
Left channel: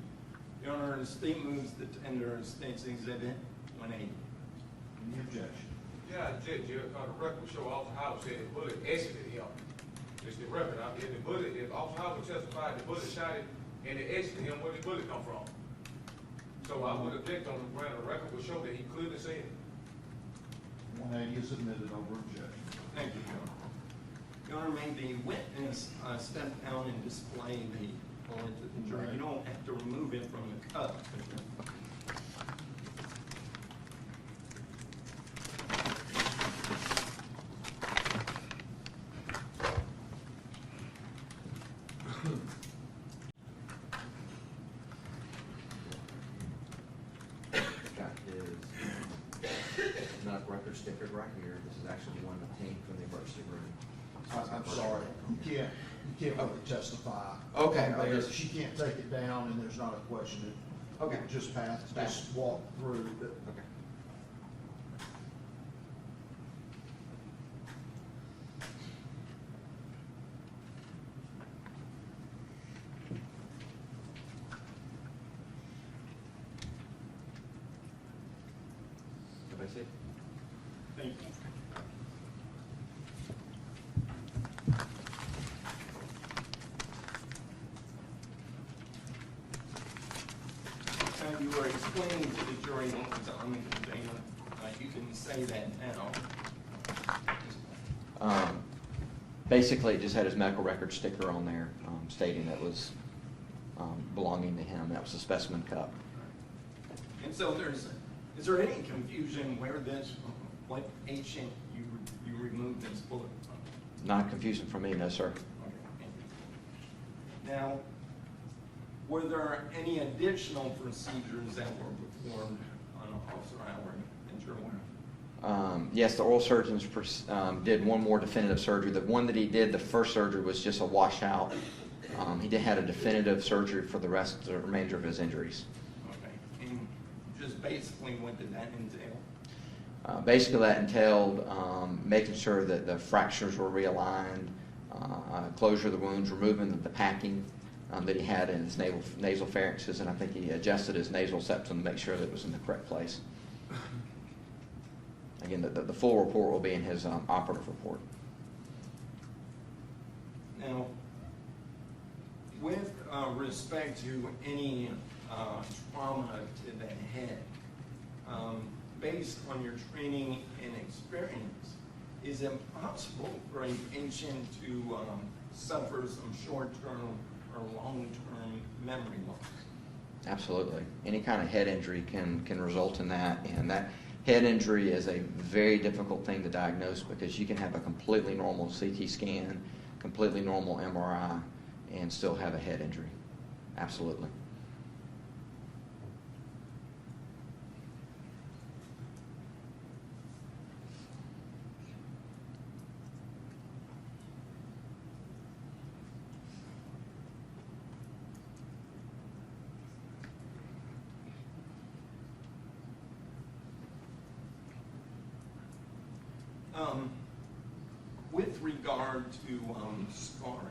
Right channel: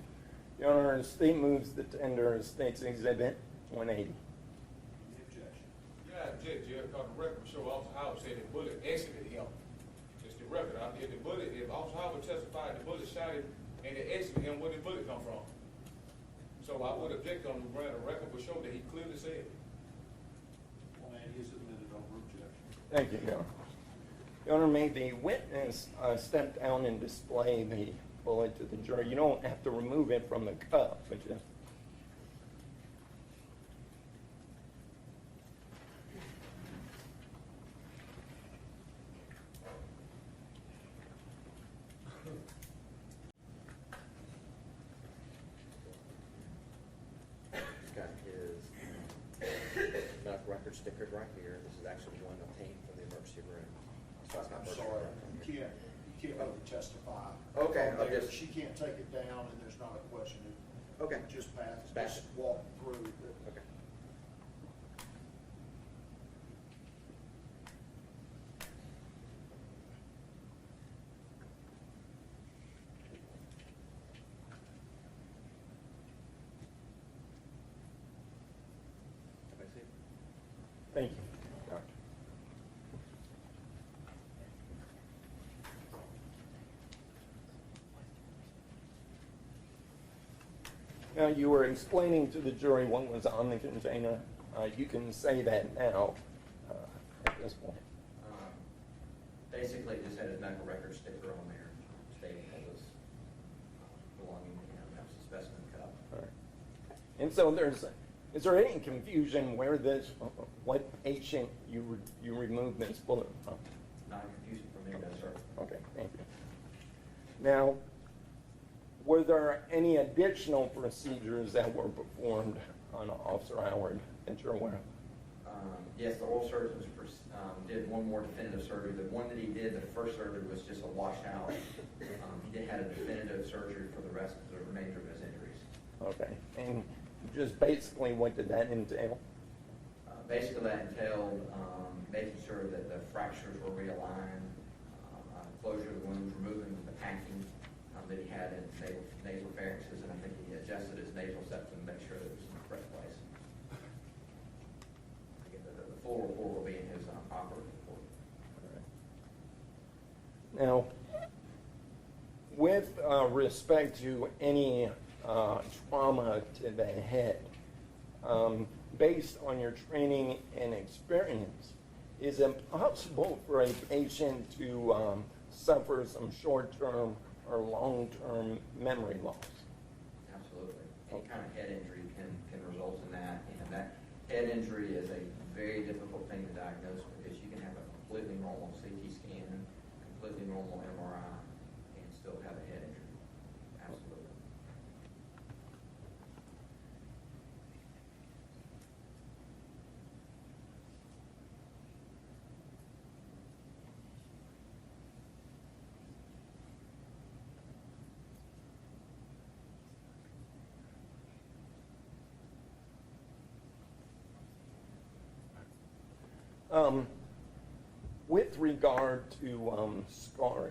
Your Honor, the state moves to tender State's Exhibit 180. Any objection? Yeah, I object, Jerry, because the record will show Officer Howard said the bullet exited him. It's the record. I mean, if the bullet, if Officer Howard testified the bullet shot him and they asked him where the bullet come from. So I would object on the ground, the record would show that he clearly said. 180 is admitted over objection. Thank you, Your Honor. Your Honor, may the witness step down and display the bullet to the jury. You don't have to remove it from the cup, but you. Got his medical record sticker right here. This is actually one obtained from the emergency room. I'm sorry, you can't really testify. Okay, on there. just- She can't take it down, and there's not a question. Okay. Just pass, Pass. just walk through. Okay. Everybody see it? Thank you. Now, you were explaining to the jury what was on the container. You can say that now at this point. Basically, it just had his medical record sticker on there, stating that was belonging to him. That was a specimen cup. And so is there any confusion where what patient you removed this bullet from? Not confusion for me, no, sir. Okay, thank you. Now, were there any additional procedures that were performed on Officer Howard that you're aware of? Yes, the oral surgeons did one more definitive surgery. The one that he did, the first surgery, was just a washout. He had a definitive surgery for the remainder of his injuries. Okay, and just basically what did that entail? Basically, that entailed making sure that the fractures were realigned, closure of the wounds, removing the packing that he had in his nasal pharynxes, and I think he adjusted his nasal septum to make sure that it was in the correct place. Again, the full report will be in his operative report. Now, with respect to any trauma to the head, based on your training and experience, is it possible for a patient to suffer some short-term or long-term memory loss? Absolutely. Any kind of head injury can result in that, and that head injury is a very difficult thing to diagnose because you can have a completely normal CT scan, completely normal MRI, and still have a head injury. Absolutely. With regard to scarring,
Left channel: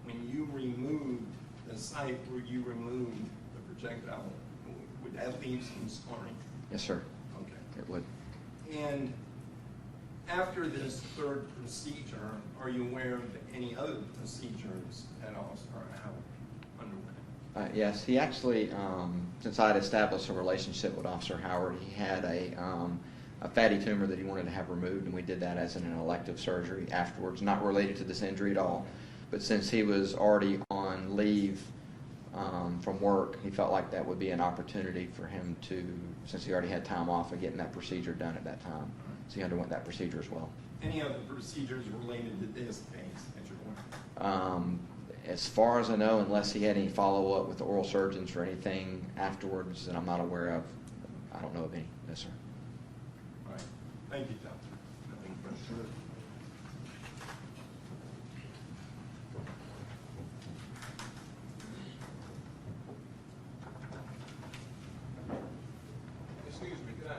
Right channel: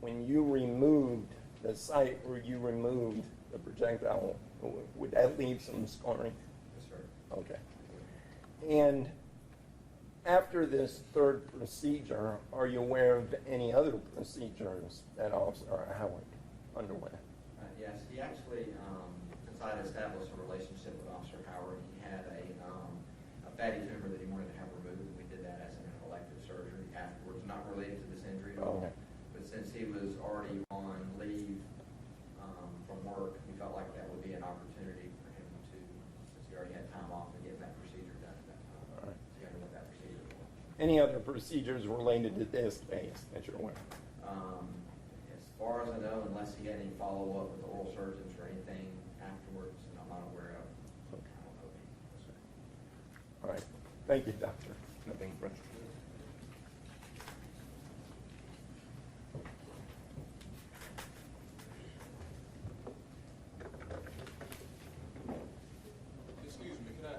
when you removed the site where you removed the projectile, would that leave some scarring? Yes, sir. Okay. It would. And after this third procedure, are you aware of any other procedures that Officer Howard underwent? Yes, he actually, since I had established a relationship with Officer Howard, he had a fatty tumor that he wanted to have removed, and we did that as an elective surgery afterwards, not related to this injury at all. Okay. But since he was already on leave from work, he felt like that would be an opportunity for him to, since he already had time off, of getting that procedure done at that time. All right. So he underwent that procedure as well. Any other procedures related to this case that you're aware of? As far as I know, unless he had any follow-up with the oral surgeons or anything afterwards that I'm not aware of, I don't know of any. No, sir. All right. Thank you, Doctor. Nothing further. Excuse me, could I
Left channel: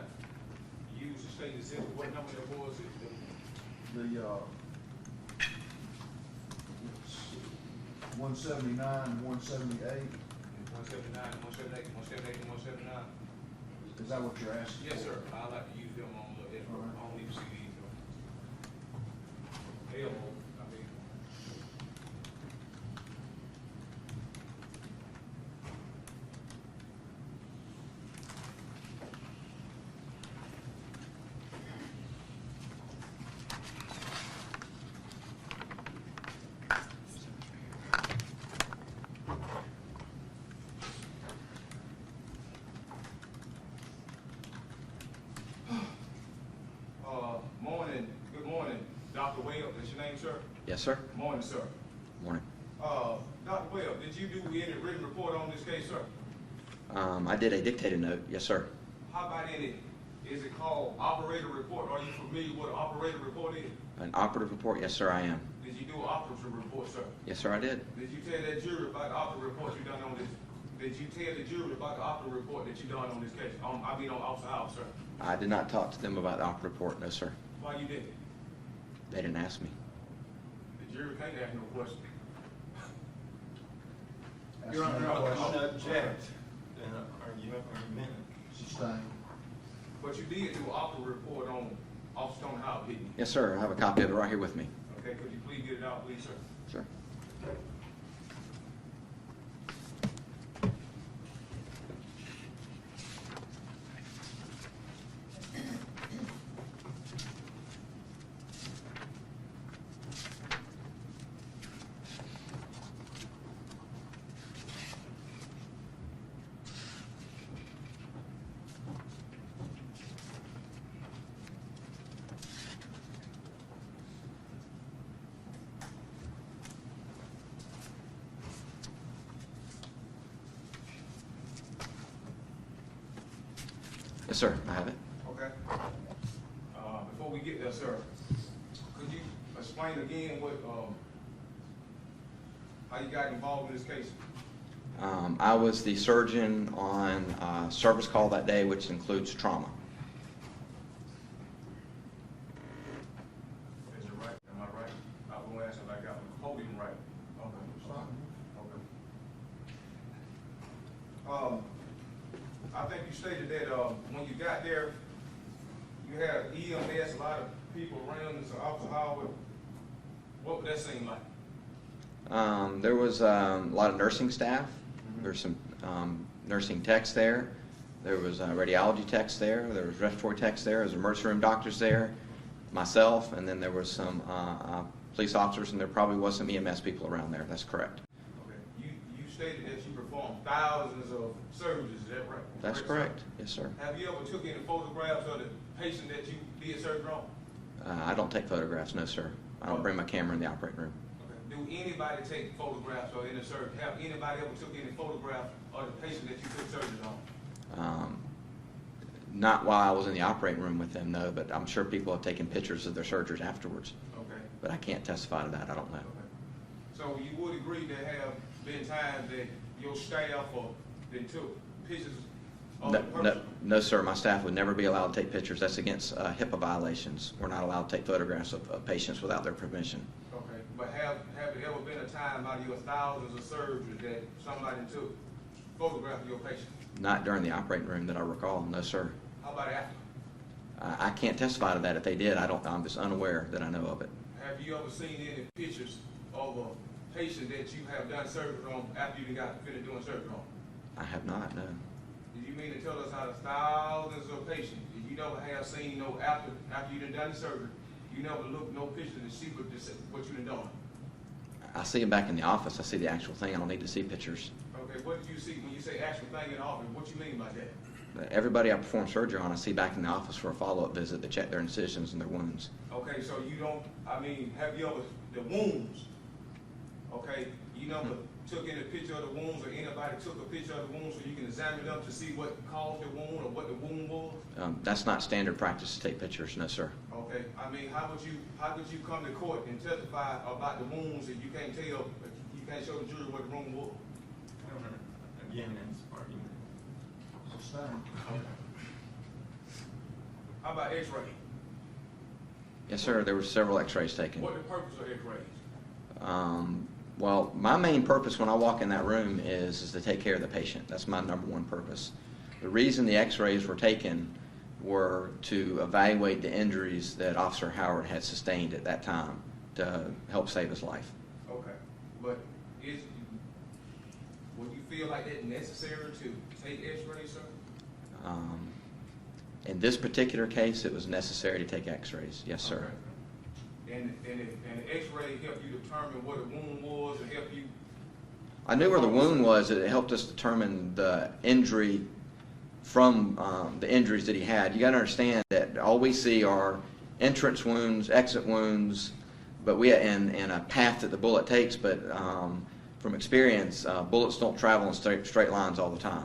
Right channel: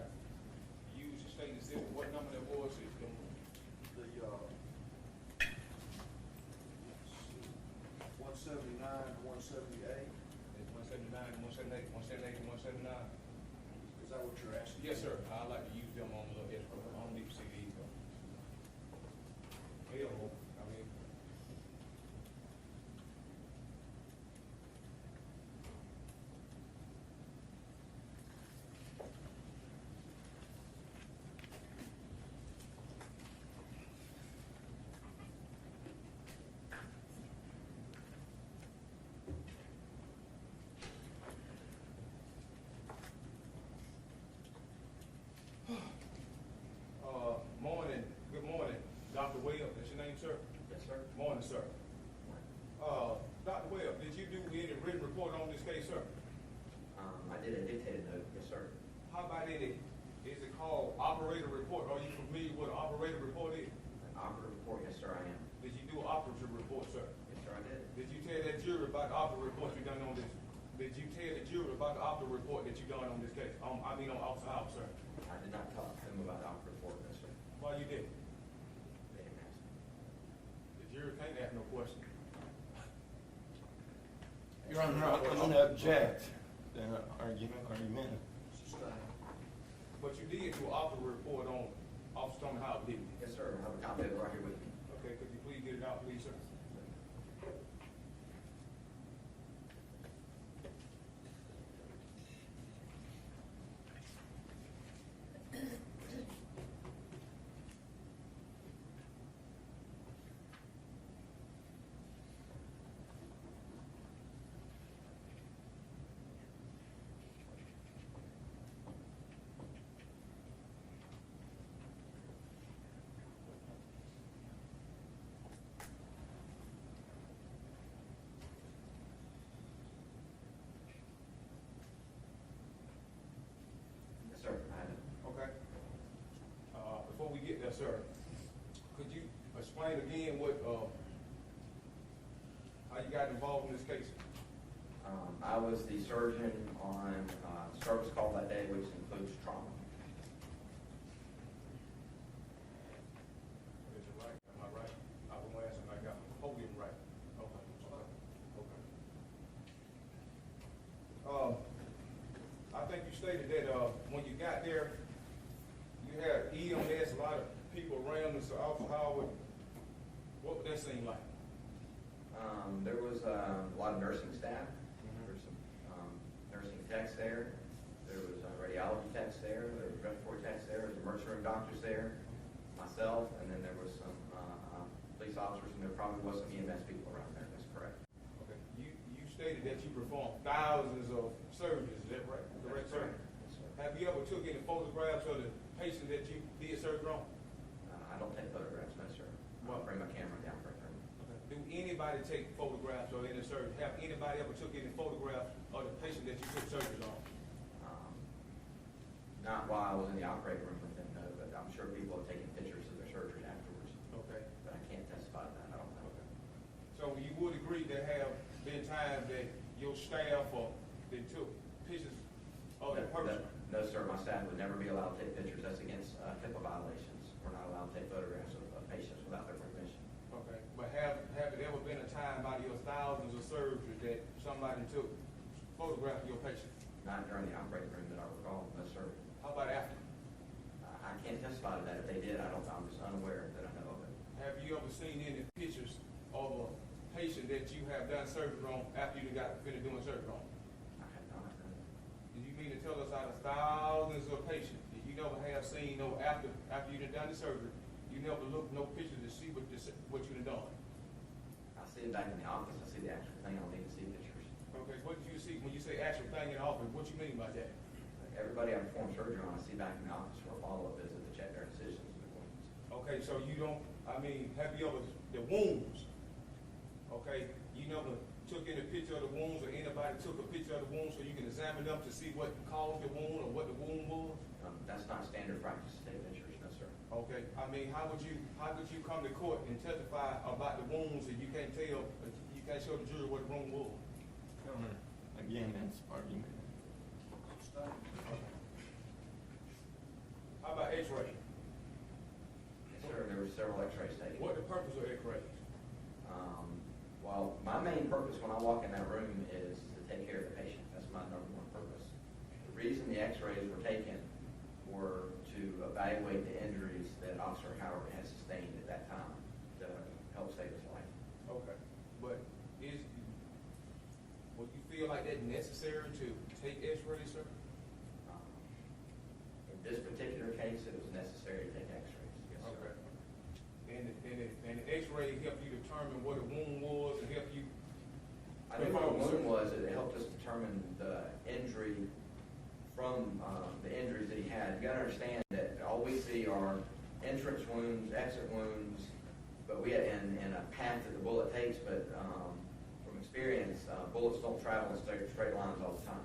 use the state exhibit, what number that was? The, it's 179 and 178. 179, 178, 178, 179? Is that what you're asking? Yes, sir. I like to use them on the, I don't need to see these. Available, I mean. Yes, sir. Morning, sir. Morning. Dr. Webb, did you do any written report on this case, sir? I did a dictated note. Yes, sir. How about is it called operator report? Are you familiar with what an operator report is? An operative report? Yes, sir, I am. Did you do an operative report, sir? Yes, sir, I did. Did you tell that jury about the operative report you done on this? Did you tell the jury about the operative report that you done on this case? On Officer House, sir. I did not talk to them about the operative report. No, sir. Why you didn't? They didn't ask me. The jury can't ask no question. Your Honor, I would object. Argument. Sustained. But you did do an operative report on Officer Tony House, didn't you? Yes, sir. I have a copy of it right here with me. Okay, could you please get it out, please, sir? Sure. Yes, sir. I have it. Okay. Before we get there, sir, could you explain again how you got involved in this case? I was the surgeon on service call that day, which includes trauma. Is it right? Am I right? I won't answer like I got the podium right. Okay. Okay. I think you stated that when you got there, you had EMS, a lot of people around, and so Officer Howard, what would that seem like? There was a lot of nursing staff. There's some nursing techs there. There was radiology techs there. There was respiratory techs there. There was emergency room doctors there, myself, and then there was some police officers, and there probably was some EMS people around there. That's correct. Okay. You stated that you performed thousands of surgeries, is that right? That's correct. Yes, sir. Have you ever took any photographs of the patient that you did surgery on? I don't take photographs, no, sir. I don't bring my camera in the operating room. Okay. Do anybody take photographs or any surgery? Have anybody ever took any photographs of the patient that you took surgery on? Not while I was in the operating room with them, no, but I'm sure people have taken pictures of their surgeries afterwards. Okay. But I can't testify to that. I don't know. Okay. So you would agree there have been times that your staff then took pictures of the person? No, sir. My staff would never be allowed to take pictures. That's against HIPAA violations. We're not allowed to take photographs of patients without their permission. Okay, but have it ever been a time out of your thousands of surgeries that somebody took photographs of your patient? Not during the operating room that I recall. No, sir. How about after? I can't testify to that. If they did, I'm just unaware that I know of it. Have you ever seen any pictures of a patient that you have done surgery on after you got finished doing surgery on? I have not, no. Did you mean to tell us out of thousands of patients, you never have seen after you done the surgery, you never looked no pictures to see what you done done? I see them back in the office. I see the actual thing. I don't need to see pictures. Okay, what do you see when you say actual thing in the office? What you mean by that? Everybody I perform surgery on, I see back in the office for a follow-up visit to check their incisions and their wounds. Okay, so you don't, have you ever, the wounds, okay, you never took any picture of the wounds or anybody took a picture of the wounds so you can examine them to see what caused the wound or what the wound was? That's not standard practice to take pictures, no, sir. Okay, how would you come to court and testify about the wounds if you can't tell, you can't show the jury what the wound was? Again, that's argument. Sustained. How about x-ray? Yes, sir. There were several x-rays taken. What the purpose of x-rays? Well, my main purpose when I walk in that room is to take care of the patient. That's my number one purpose. The reason the x-rays were taken were to evaluate the injuries that Officer Howard had sustained at that time to help save his life. Okay, but would you feel like that's necessary to take x-rays, sir? In this particular case, it was necessary to take x-rays. Yes, sir. Okay. And the x-ray helped you determine what a wound was and help you? I knew where the wound was. It helped us determine the injury from the injuries that he had. You got to understand that all we see are entrance wounds, exit wounds, but we and a path that the bullet takes. But from experience, bullets don't travel in straight lines all the time.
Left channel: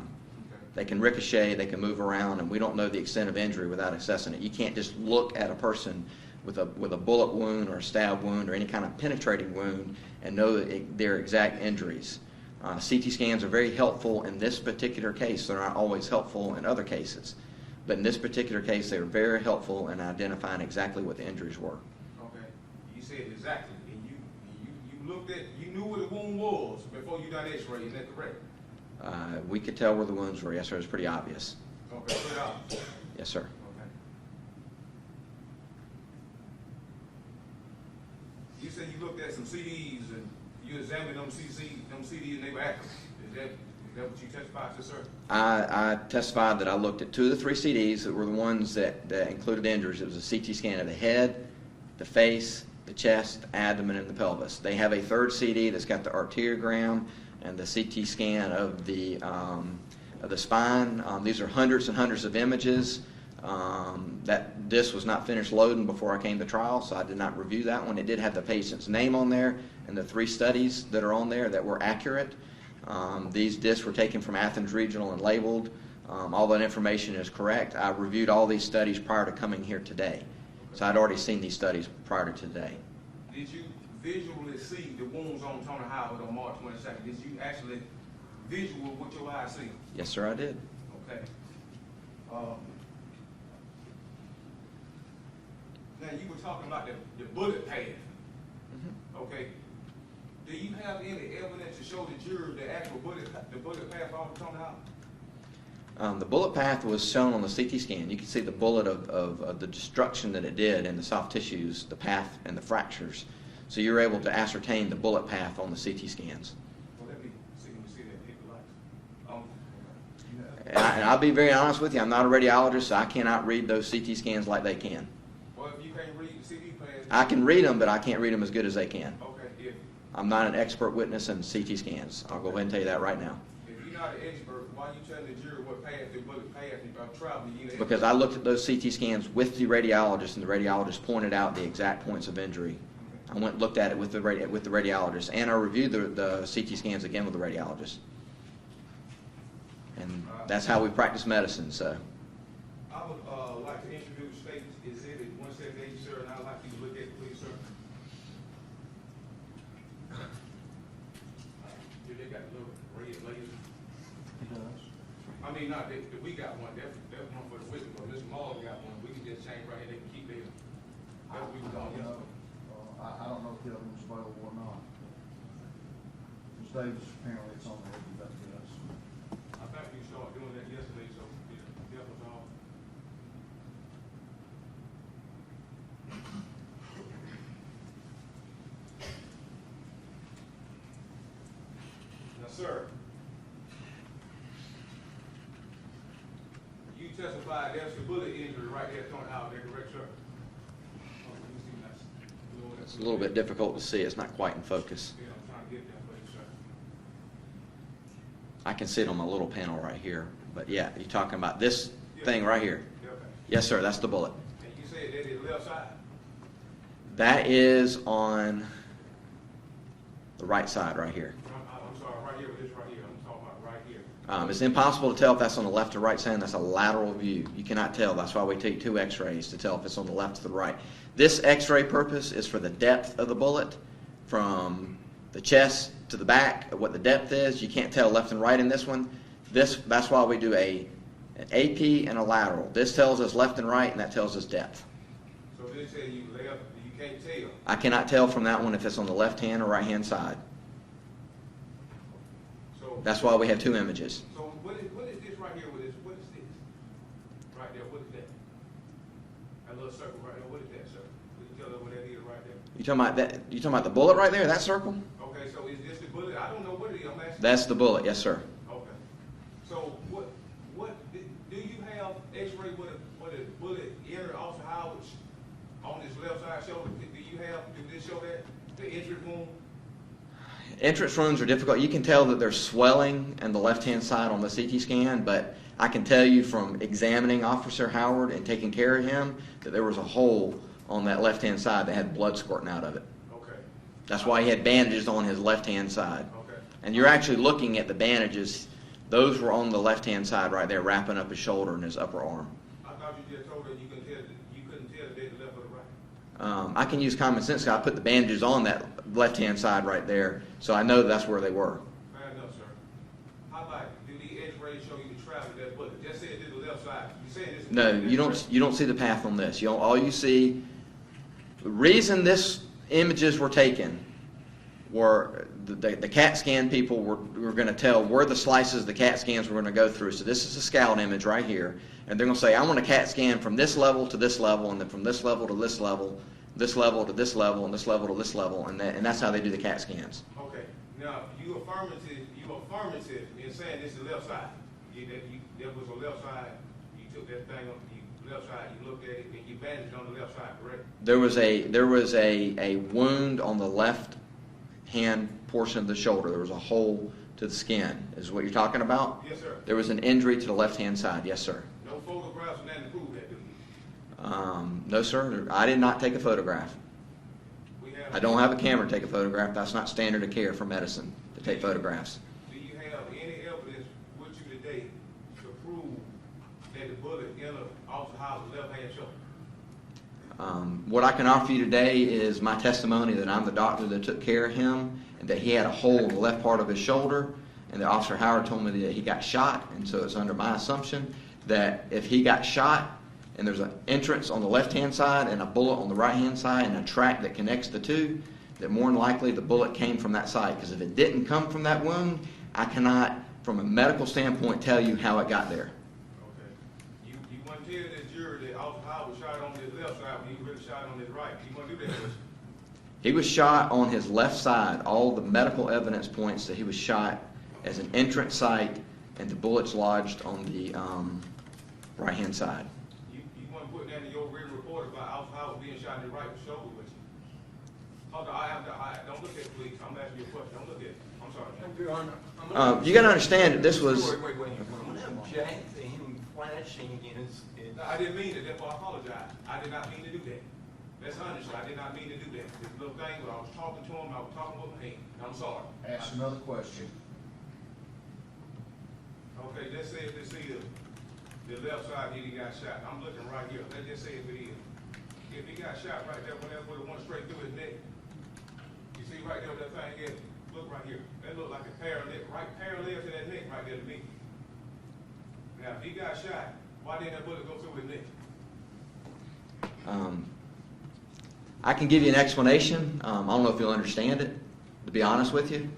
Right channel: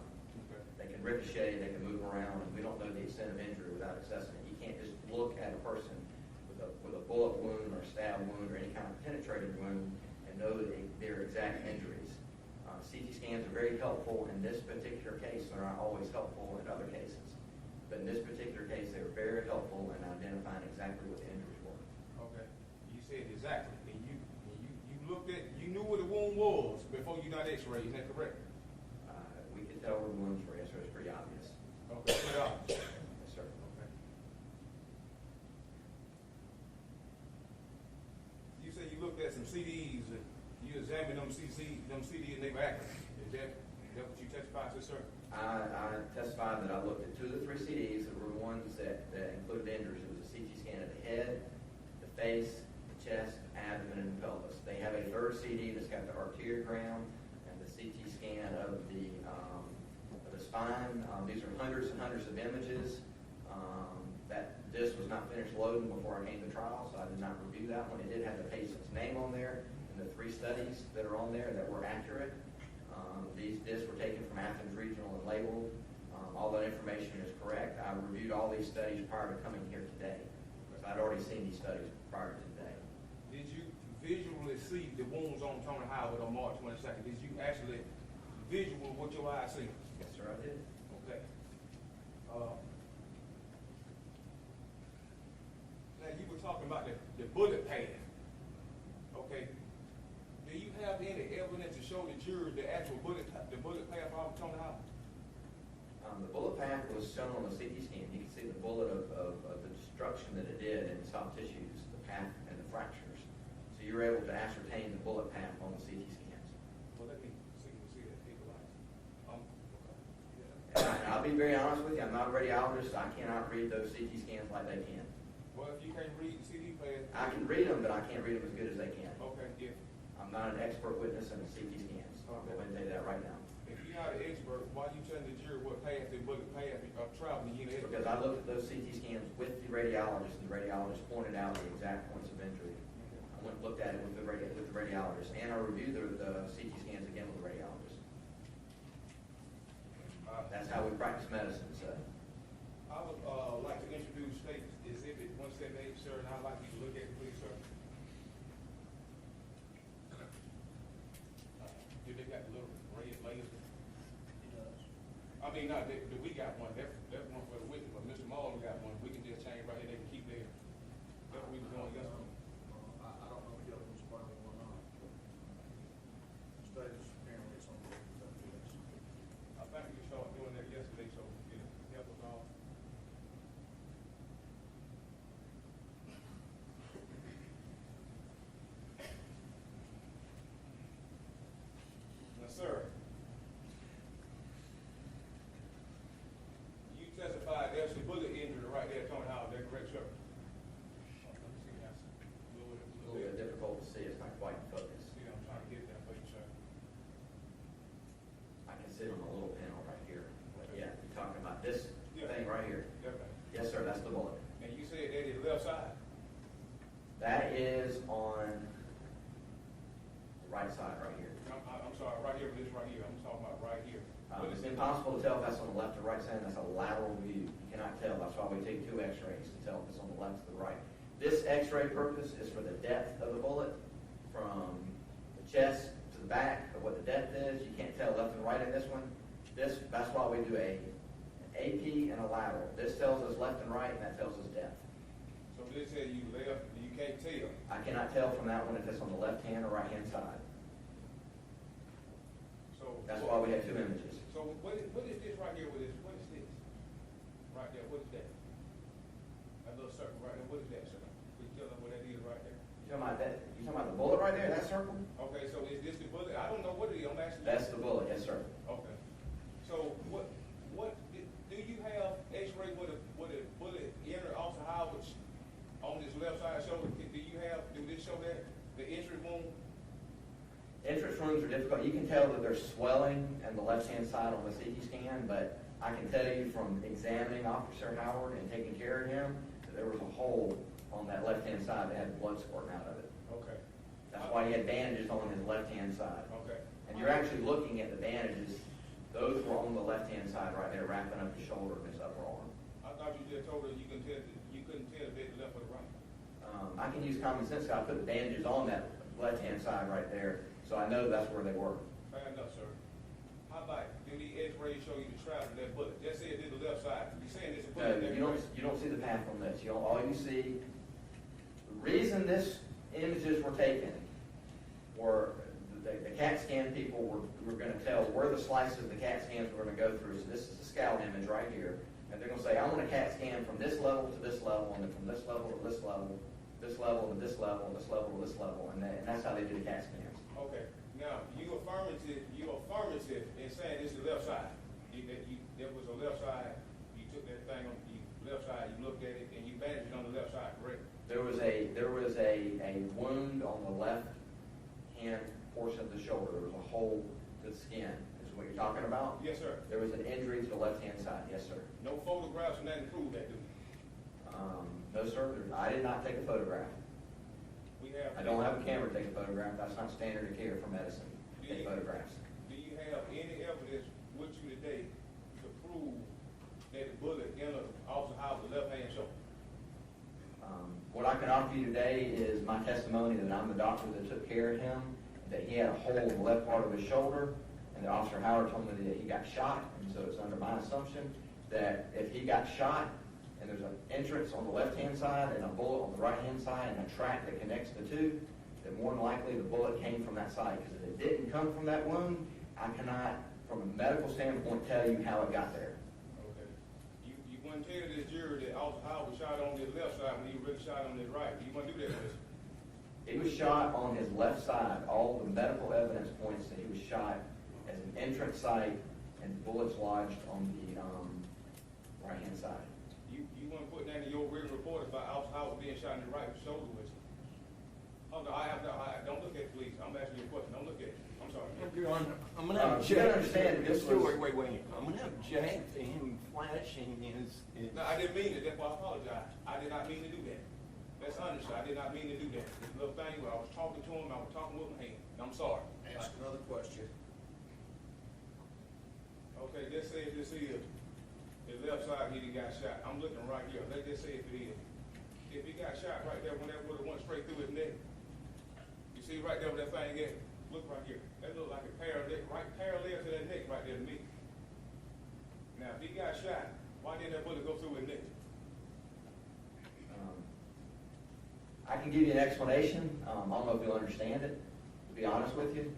Okay. They can ricochet, they can move around, and we don't know the extent of injury without assessing it. You can't just look at a person with a bullet wound or a stab wound or any kind of penetrating wound and know their exact injuries. CT scans are very helpful in this particular case. They're not always helpful in other cases. But in this particular case, they were very helpful in identifying exactly what the injuries were. Okay, you said exactly, and you looked at, you knew where the wound was before you done X-ray, is that correct? We could tell where the wounds were. Yes, sir. It was pretty obvious. Okay, pretty obvious. Yes, sir. Okay. You said you looked at some CDs and you examined them CDs and they were accurate. Is that what you testified to, sir? I testified that I looked at 2 of the 3 CDs that were the ones that included injuries. It was a CT scan of the head, the face, the chest, abdomen, and the pelvis. They have a 3rd CD that's got the arteriogram and the CT scan of the spine. These are hundreds and hundreds of images. That disc was not finished loading before I came to trial, so I did not review that one. It did have the patient's name on there and the 3 studies that are on there that were accurate. These discs were taken from Athens Regional and labeled. All that information is correct. I reviewed all these studies prior to coming here today. So I'd already seen these studies prior to today. Did you visually see the wounds on Tony Howard on March 22nd? Did you actually visual what your eyes see? Yes, sir, I did. Okay. Now, you were talking about the bullet path. Okay. Do you have any evidence to show the jury the actual bullet path off Tony Howard? The bullet path was shown on the CT scan. You can see the bullet of the destruction that it did in the soft tissues, the path, and the fractures. So you're able to ascertain the bullet path on the CT scans. Well, let me see that paper lights. And I'll be very honest with you, I'm not a radiologist, so I cannot read those CT scans like they can. Well, if you can't read the CD path, I can read them, but I can't read them as good as they can. okay, if I'm not an expert witness in CT scans. I'll go ahead and tell you that right now. you're not an expert, why you telling the jury what path the bullet path of traveling? You know, Because I looked at those CT scans with the radiologist, and the radiologist pointed out the exact points of injury. I went and looked at it with the radiologist, and I reviewed the CT scans again with the radiologist. And that's how we practice medicine, so. I would like to introduce State Exhibit 178, sir, and I'd like you to look at it, please, sir. Do they got the little red laser? He does. I mean, not that we got one, that's one for the witness, but Mr. Maul got one, we can just change right here, they can keep theirs. That's what we was on yesterday. I don't know if the other one's available or not. Because Davis, apparently it's on the way to us. I think we started doing that yesterday, so it help us all. Now, sir, you testified there's a bullet injury right there thrown out there, correct, sir? Oh, let me see, that's It's a little bit difficult to see. It's not quite in focus. Yeah, I'm trying to get that for you, sir. I can see it on my little panel right here. But yeah, you're talking about this thing right here. Okay. Yes, sir, that's the bullet. And you said that is left side? That is on the right side right here. I'm sorry, right here with this right here, I'm talking about right here. It's impossible to tell if that's on the left or right side. That's a lateral view. You cannot tell. That's why we take 2 x-rays to tell if it's on the left or the right. This x-ray purpose is for the depth of the bullet from the chest to the back, what the depth is. You can't tell left and right in this one. That's why we do an AP and a lateral. This tells us left and right, and that tells us depth. So they say you left, you can't tell. I cannot tell from that one if it's on the left-hand or right-hand side. So That's why we have 2 images. So what is this right here with this? What is this? Right there, what is that? That little circle right there, what is that, sir? Would you tell them what that is right there? You talking about that? You talking about the bullet right there? That circle? Okay, so is this the bullet? I don't know what it is, I'm asking. That's the bullet. Yes, sir. Okay. So what do you have X-ray with a bullet entered off the Howard on this left side shoulder? Do this show that the entry wound? Entrance wounds are difficult. You can tell that there's swelling on the left-hand side on the CT scan, but I can tell you from examining Officer Howard and taking care of him that there was a hole on that left-hand side that had blood squirting out of it. Okay. That's why he had bandages on his left-hand side. Okay. And you're actually looking at the bandages. Those were on the left-hand side right there, wrapping up his shoulder and his upper arm. I thought you just told her you couldn't tell if they the left or the right. I can use common sense. I put the bandages on that left-hand side right there, so I know that's where they were. Fair enough, sir. How about, do the x-rays show you the travel of that bullet? Just say it did the left side. You saying this? No, you don't see the path on this. All you see, the reason this images were taken were the CAT scan people were going to tell where the slices the CAT scans were going to go through. So this is a scout image right here, and they're going to say, I want a CAT scan from this level to this level, and then from this level to this level, this level to this level, and this level to this level, and that's how they do the CAT scans. Okay. Now, you affirmative in saying this is the left side. There was a left side. You took that thing on the left side. You looked at it and you bandaged on the left side, correct? There was a wound on the left hand portion of the shoulder. There was a hole to the skin. Is what you're talking about? Yes, sir. There was an injury to the left hand side. Yes, sir. No photographs and nothing to prove that, do you? No, sir. I did not take a photograph. I don't have a camera to take a photograph. That's not standard of care for medicine to take photographs. Do you have any evidence with you today to prove that the bullet entered Officer Howard's left hand shoulder? What I can offer you today is my testimony that I'm the doctor that took care of him, and that he had a hole in the left part of his shoulder, and that Officer Howard told me that he got shot, and so it's under my assumption that if he got shot and there's an entrance on the left-hand side and a bullet on the right-hand side and a track that connects the two, that more than likely the bullet came from that side. Because if it didn't come from that wound, I cannot, from a medical standpoint, tell you how it got there. Okay. You want to tell this jury that Officer Howard was shot on his left side when he was really shot on his right. You want to do that, was He was shot on his left side. All the medical evidence points that he was shot as an entrance site, and the bullets lodged on the right-hand side. You want to put that in your written report about Officer Howard being shot in the right shoulder, was you? Hold on, don't look at it, please. I'm asking you a question. Don't look at it. I'm sorry. You got to understand that this was. Wait. I'm going to object to him flashing his. No, I didn't mean it. Therefore, I apologize. I did not mean to do that. That's honest. I did not mean to do that. This little thing where I was talking to him, I was talking with my hand. I'm sorry. Ask another question. Okay, let's say if this is the left side he got shot. I'm looking right here. Let's just say if it is. If he got shot right there, whenever it went straight through his neck, you see right there where that thing is? Look right here. That look like a right parallel to that neck right there to me. Now, if he got shot, why didn't that bullet go through his neck? I can give you an explanation. I don't know if you'll understand it, to be honest with you.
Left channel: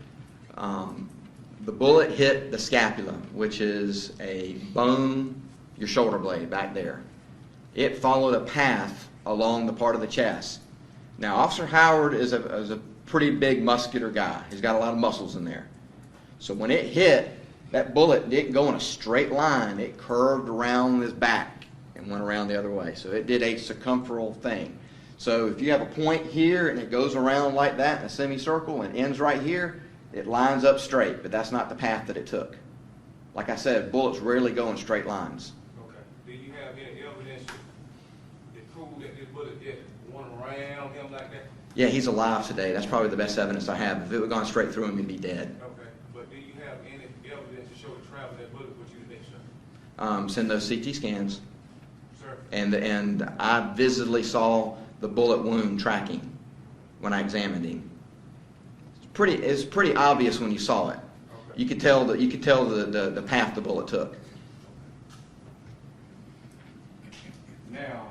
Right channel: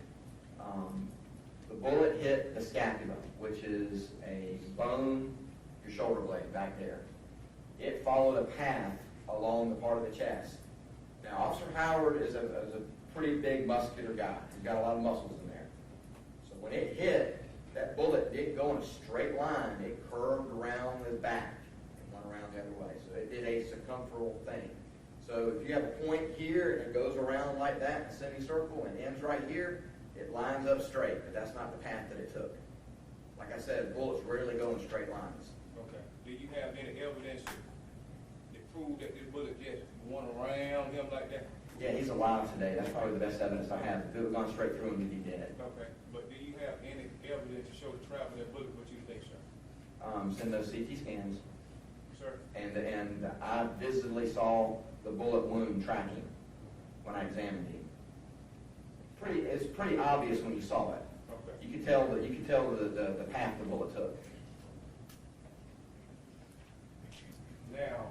The bullet hit the scapula, which is a bone, your shoulder blade back there. It followed a path along the part of the chest. Now, Officer Howard is a pretty big muscular guy. He's got a lot of muscles in there. So when it hit, that bullet didn't go in a straight line. It curved around his back and went around the other way. So it did a circumferential thing. So if you have a point here and it goes around like that in a semicircle and ends right here, it lines up straight, but that's not the path that it took. Like I said, bullets rarely go in straight lines. Okay. Do you have any evidence that prove that this bullet just went around him like that? Yeah, he's alive today. That's probably the best evidence I have. If it had gone straight through him, he'd be dead. Okay. But do you have any evidence to show the travel of that bullet with you today, sir? Send those CT scans. Sir? And I visibly saw the bullet wound tracking when I examined him. It's pretty obvious when you saw it. Okay. You could tell the path the bullet took. Now,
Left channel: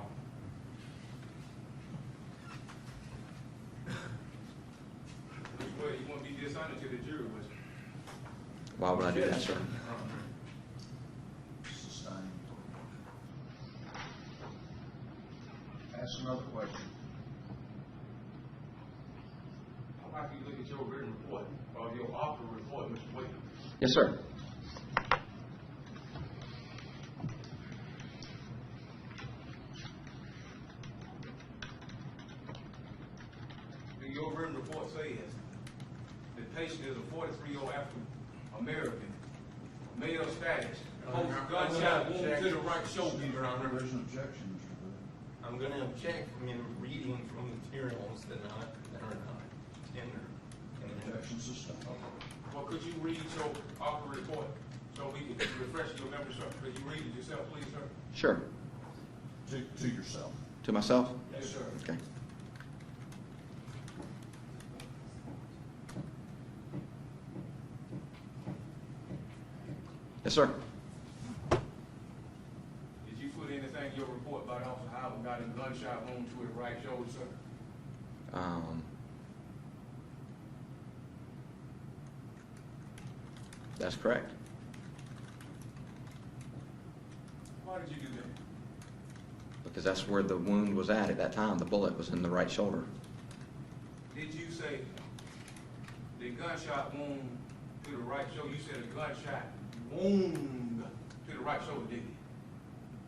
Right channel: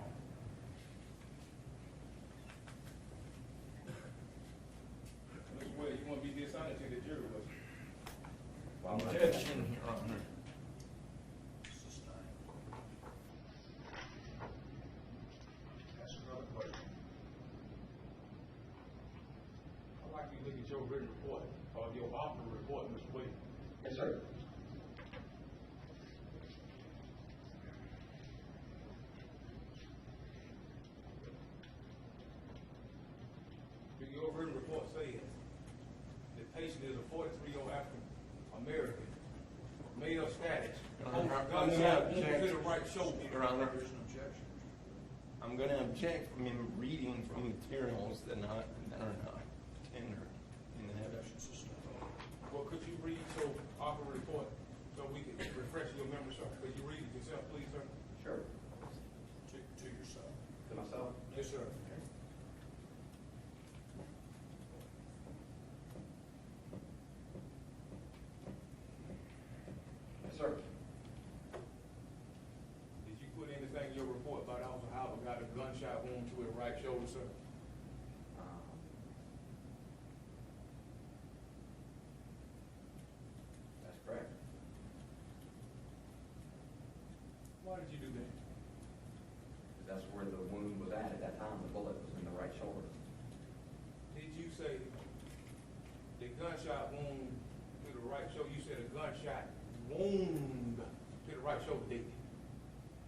which way you want to be dishonest to the jury, was you? Why would I do that, sir? Sustained. Ask another question. I'd like you to look at your written report, or your author report, Mr. Williams. Yes, sir. Your written report says the patient is a 43-year-old African American, male status, gunshot wound to the right shoulder. Your Honor, there's an objection, Mr. Wood. I'm going to object from you reading from materials that are not tender. Action sustained. Well, could you read your opera report so we can refresh your memory, sir? Could you read it yourself, please, sir? Sure. To yourself. To myself? Yes, sir. Okay. Yes, sir. Did you put anything in your report about Officer Howard got a gunshot wound to his right shoulder, sir? That's correct. Why did you do that? Because that's where the wound was at that time. The bullet was in the right shoulder. Did you say the gunshot wound to the right shoulder? You said a gunshot wound to the right shoulder, didn't you?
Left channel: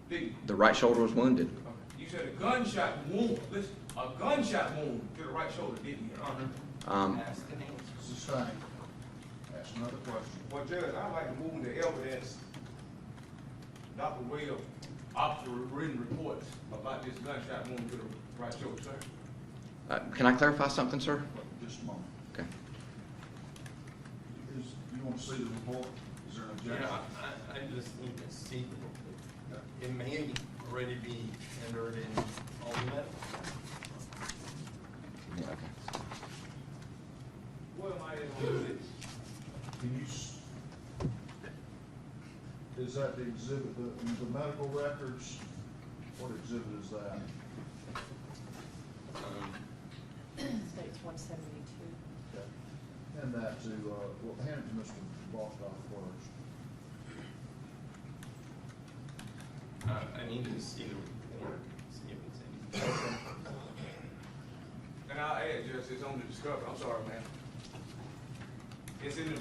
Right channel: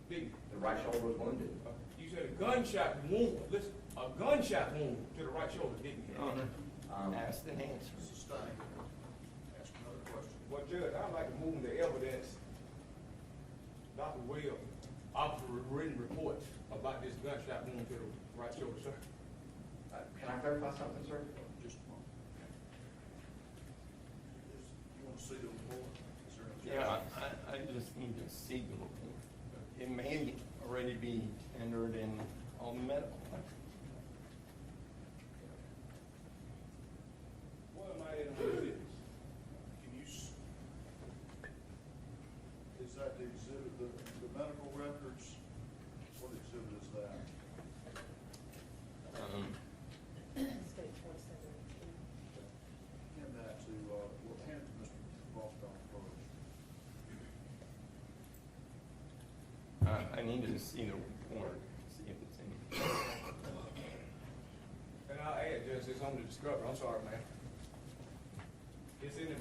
Didn't you? The right shoulder was wounded. Okay. You said a gunshot wound. Listen, a gunshot wound to the right shoulder, didn't you? Ask and answer. Sustained. Ask another question. Well, Judge, I'd like to move the evidence, Dr. Webb, officer written reports about this gunshot wound to the right shoulder, sir. Can I clarify something, sir? Just a moment. Okay. You want to see the report? Is there an Yeah, objection? I just need to see the report. It may already be entered in on that. Yeah, okay. What am I in on this? Can you, is that the exhibit, the medical records? What exhibit is that? States 172. Okay. Hand that to, well, hand it to Mr. Balkoff first. I need to see the report, see if it's any. And I'll add, Judge, it's on the discovery. I'm sorry, man. It's in the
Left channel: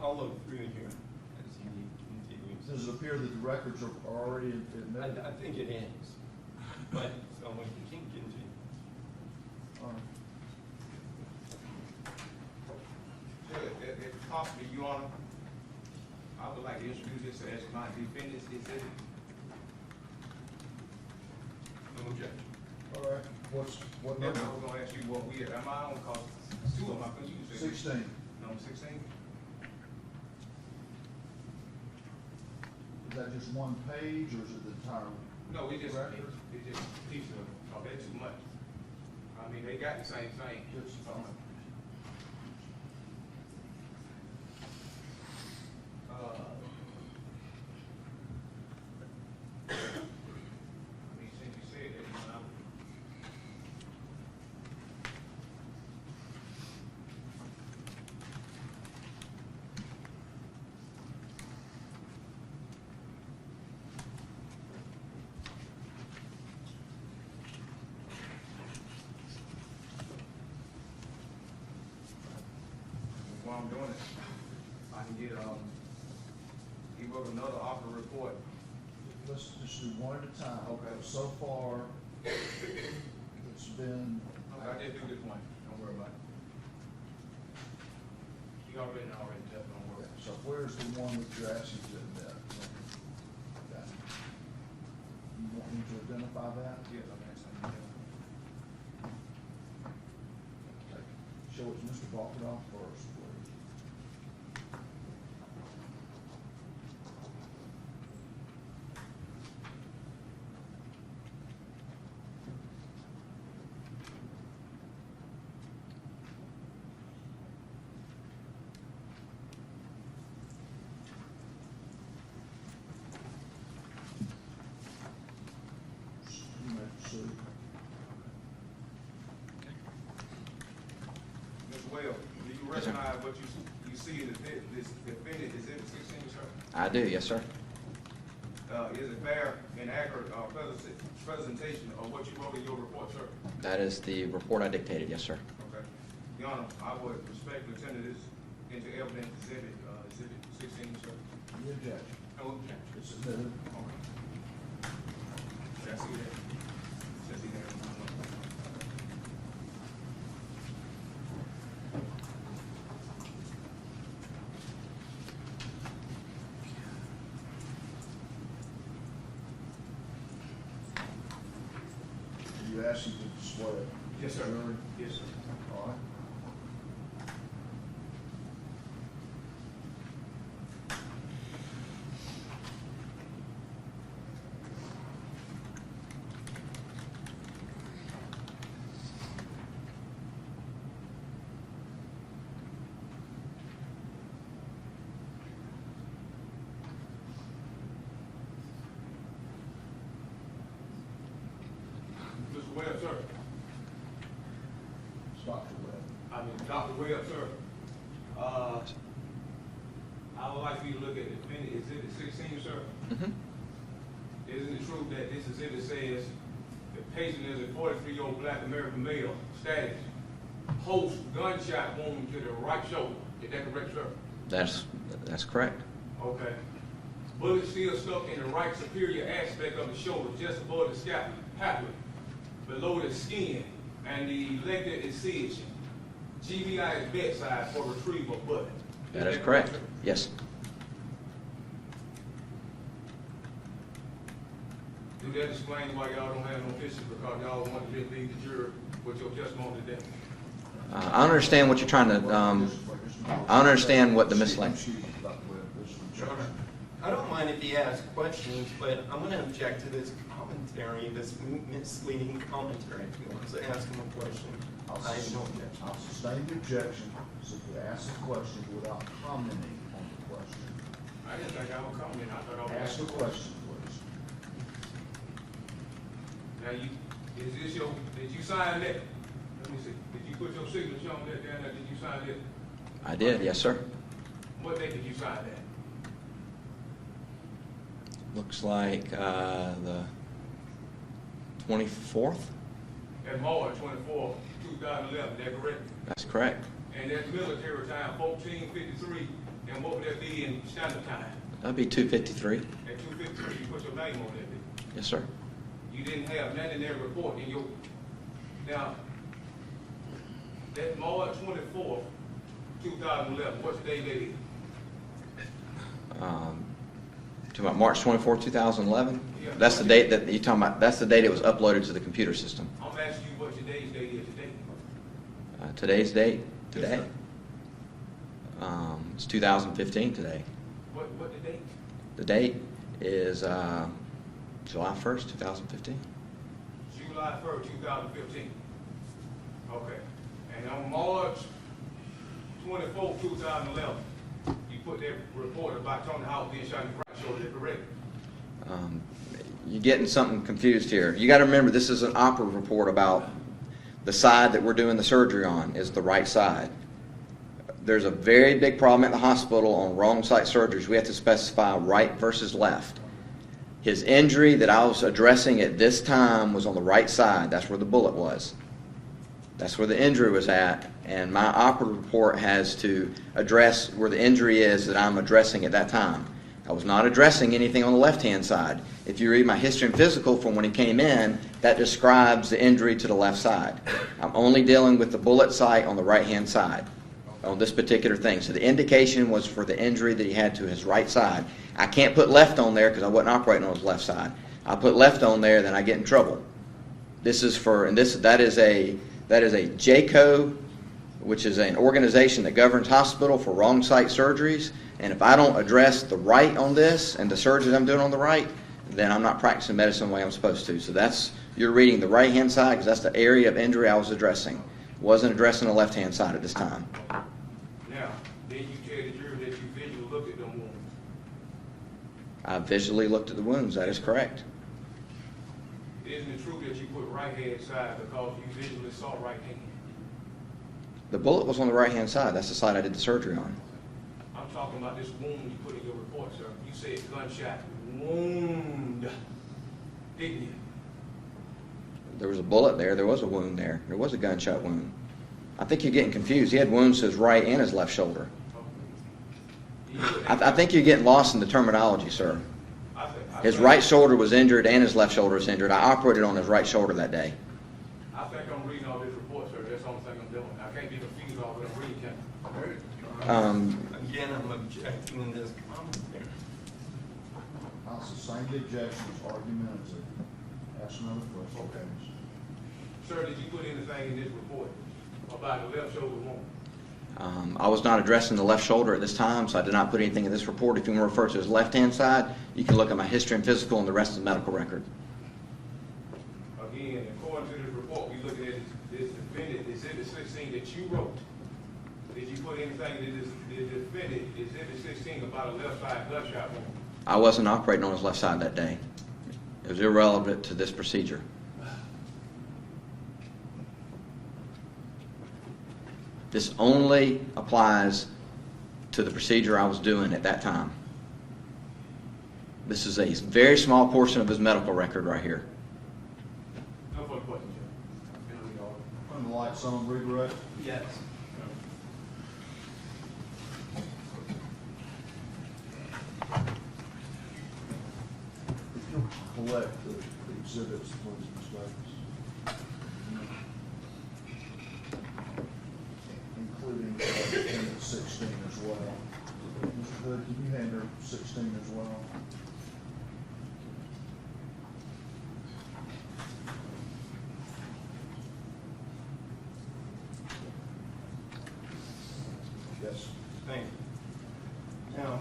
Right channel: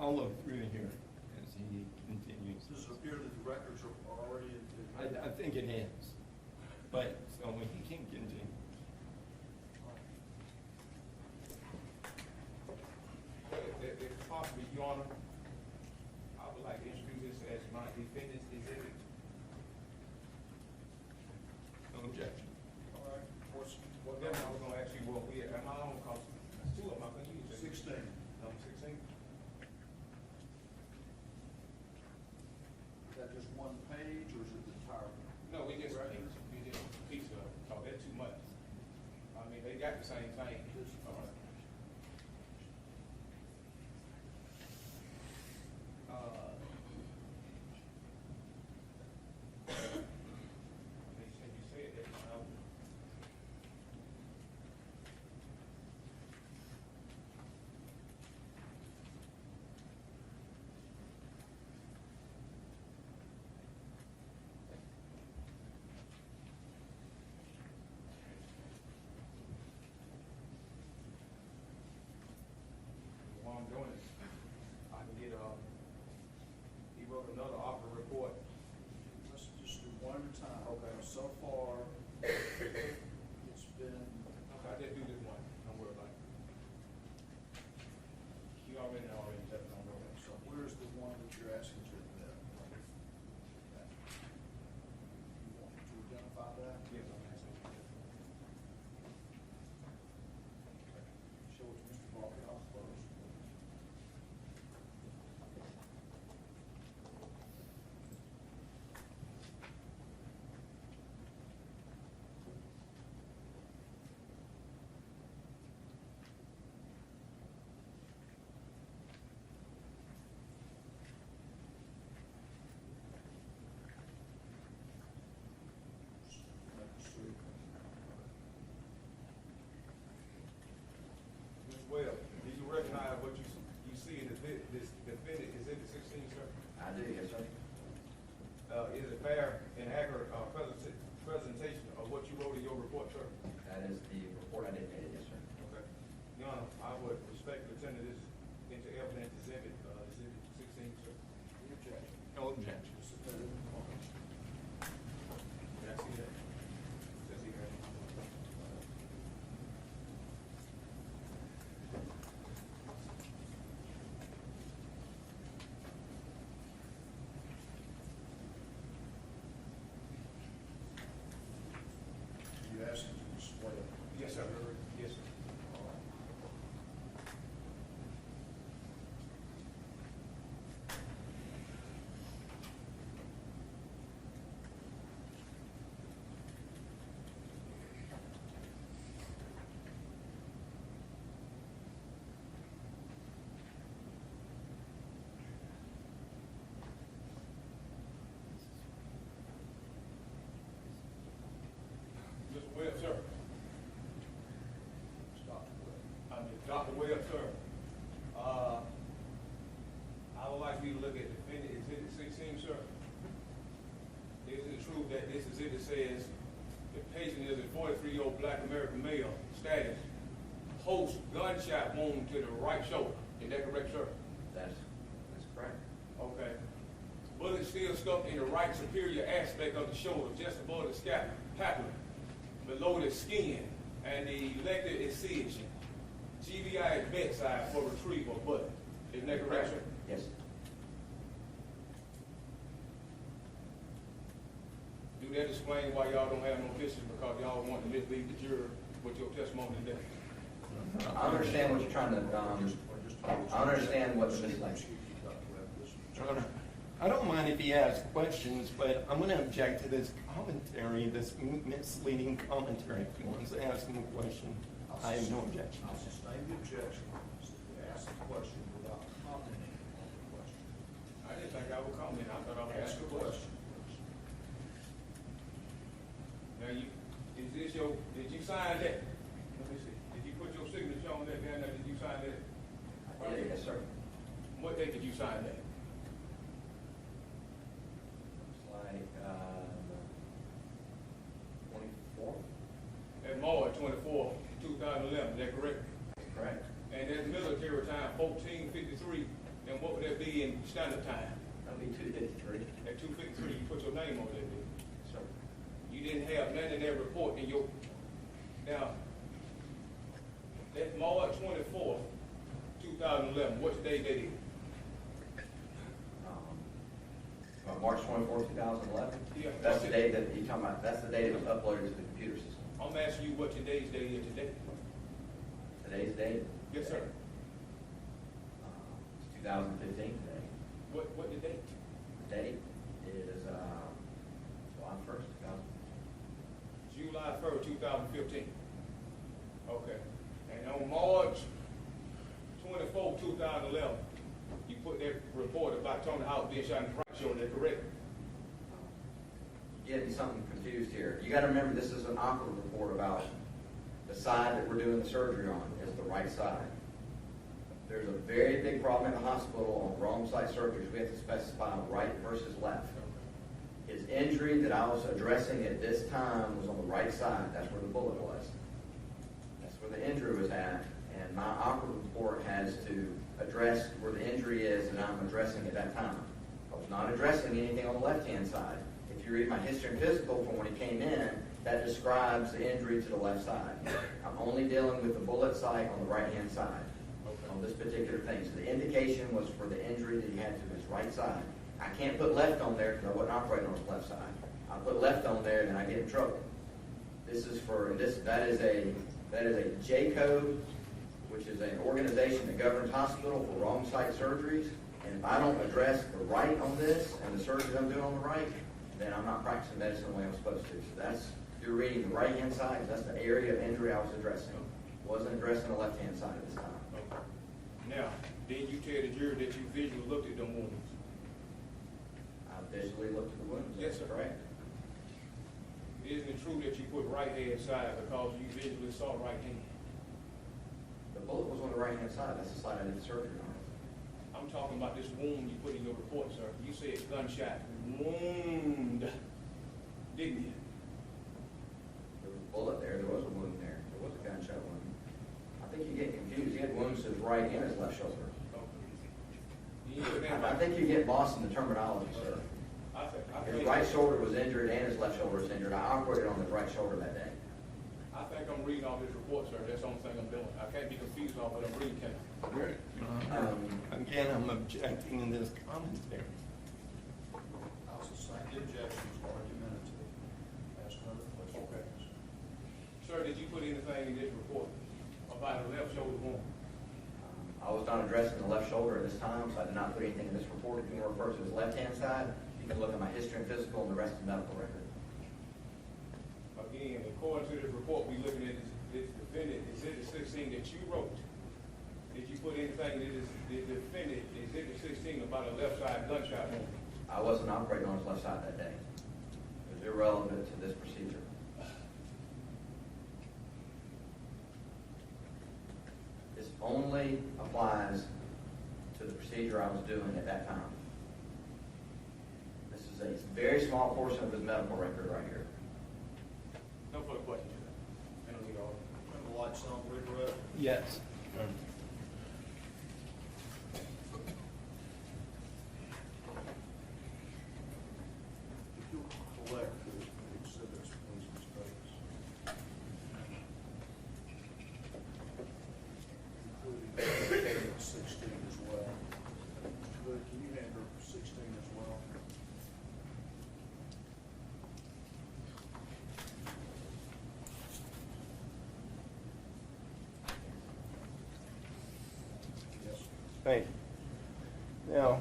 I'll look through here as he continues. Does it appear that the records are already admitted? I think it is, but, so we can continue. All right. If possible, Your Honor, I would like to introduce this as my defendant's exhibit. No objection. All right. What Then I number? was gonna ask you what we, am I on, cause two of them, I couldn't use. 16. Number 16? Is that just one page or is it the entire? No, it's just record? a piece of, oh, they're too much. I mean, they got the same thing. I mean, since you said that, you know. While I'm doing it, I can get, he wrote another offer report. Let's just do one at a time. Okay. So far, it's been, I just do this one, don't worry about it. You already done, don't worry. so where's the one that you're asking to admit? Okay. You want me to identify that? Yes, I'm asking you. Okay. Show it to Mr. Balkoff first, please. You may proceed. Ms. Webb, do you recognize what you see in this defendant exhibit 16, sir? I do, yes, sir. Is it fair and accurate, presentation of what you wrote in your report, sir? That is the report I dictated, yes, sir. Okay. Your Honor, I would respectfully tender this into evidence exhibit 16, sir. You object. No objection. It's submitted. All right. Can I see that? Can I see that? You asking to display it? Yes, sir. Really? Yes, sir. All right. Mr. Webb, sir. Stop the web. I mean, Dr. Webb, sir. I would like for you to look at exhibit 16, sir. Mhm. Isn't it true that this exhibit says the patient is a 43-year-old black American male, status, post gunshot wound to the right shoulder? Is that correct, sir? That's correct. Okay. Bullet still stuck in the right superior aspect of the shoulder, just above the scapula, below the skin, and the elected incision. GBI is bedside for retrieval of blood. That is correct. sir? Yes. Do that explain why y'all don't have no pictures, because y'all want to just leave the jury with your testimony today? I understand what you're trying to, I understand what the misleading. I don't mind if he asks questions, but I'm going to object to this commentary, this misleading commentary. If he wants to ask him a question, I have no objection. I'll sustain the objection, so you ask a question without commenting on the question. I didn't think I would comment. I thought I would Ask a question, please. Now, is this did you sign that? Let me see. Did you put your signature on that down there? Did you sign that? I did, yes, sir. What day did you sign that? Looks like the 24th? That's March 24, 2011, is that correct? That's correct. And that's military time, 14:53, and what would that be in standard time? That'd be 253. At 2:53, you put your name on that bill. Yes, sir. You didn't have nothing in that report in your, now, that March 24, 2011, what's the day that is? To about March 24, 2011? Yeah. That's the date that you're talking about, that's the date it was uploaded to the computer system. I'm asking you what today's date is today. Today's date? Yes, Today? sir. It's 2015 today. What the date? The date is July 1st, 2015. July 1st, 2015. Okay. And on March 24, 2011, you put that report about Tony Howard being shot in the right shoulder, is that correct? You're getting something confused here. You got to remember, this is an opera report about the side that we're doing the surgery on is the right side. There's a very big problem at the hospital on wrong side surgeries. We have to specify right versus left. His injury that I was addressing at this time was on the right side. That's where the bullet was. That's where the injury was at, and my operative report has to address where the injury is that I'm addressing at that time. I was not addressing anything on the left-hand side. If you read my history and physical from when he came in, that describes the injury to the left side. I'm only dealing with the bullet site on the right-hand side on this particular thing. So the indication was for the injury that he had to his right side. I can't put left on there because I wasn't operating on his left side. I put left on there, then I get in trouble. This is for, and that is a JCO, which is an organization that governs hospital for wrong site surgeries. And if I don't address the right on this and the surgeries I'm doing on the right, then I'm not practicing medicine the way I'm supposed to. So that's, you're reading the right-hand side because that's the area of injury I was addressing. Wasn't addressing the left-hand side at this time. Now, then you tell the jury that you visually looked at them wounds. I visually looked at the wounds. That is correct. Isn't it true that you put right-hand side because you visually saw right hand? The bullet was on the right-hand side. That's the side I did the surgery on. I'm talking about this wound you put in your report, sir. You said gunshot wound, didn't you? There was a bullet there. There was a wound there. There was a gunshot wound. I think you're getting confused. He had wounds to his right and his left shoulder. I think you're getting lost in the terminology, sir. His right shoulder was injured and his left shoulder was injured. I operated on his right shoulder that day. I think I'm reading all this report, sir. That's the only thing I'm doing. I can't get confused off what I'm reading, can I? Again, I'm objecting to this commentary. I'll sustain the objections, argument is ask another question. Okay. Sir, did you put anything in this report about the left shoulder wound? I was not addressing the left shoulder at this time, so I did not put anything in this report. If you want to refer to his left-hand side, you can look at my history and physical and the rest of the medical record. Again, according to this report, we looking at this defendant, Exhibit 16 that you wrote. Did you put anything in this defendant, Exhibit 16, about a left side gunshot wound? I wasn't operating on his left side that day. It was irrelevant to this procedure. This only applies to the procedure I was doing at that time. This is a very small portion of his medical record right here. No further questions, sir. And the light on redirect. Yes. If you'll collect the exhibits, please, Ms. Davis. Including exhibit 16 as well. Mr. Hood, can you hand her 16 as well? Yes. Thank you. Now,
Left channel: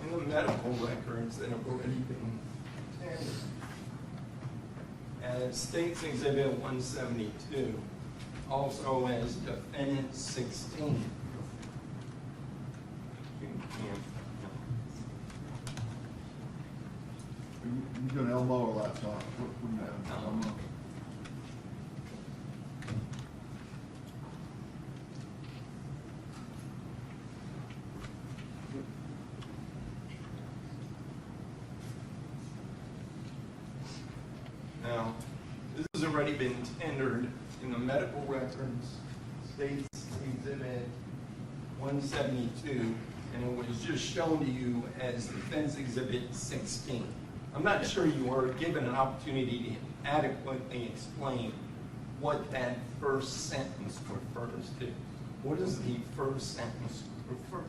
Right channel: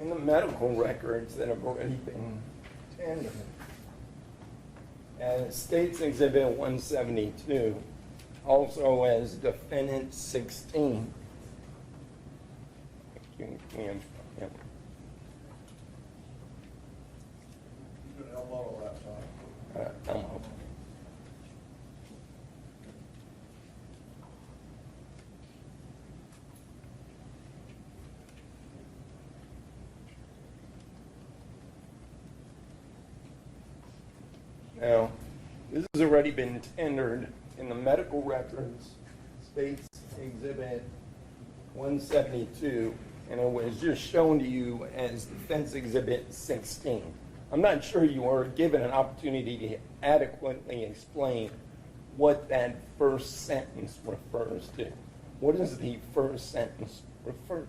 in the medical records that have already been tendered, as States Exhibit 172, also as Defendant 16. Yeah. You can elbow or laptop? What do you have? Now, this has already been tendered in the medical records, States Exhibit 172, and it was just shown to you as Defense Exhibit 16. I'm not sure you were given an opportunity to adequately explain what that first sentence refers to. What does the first sentence refer to?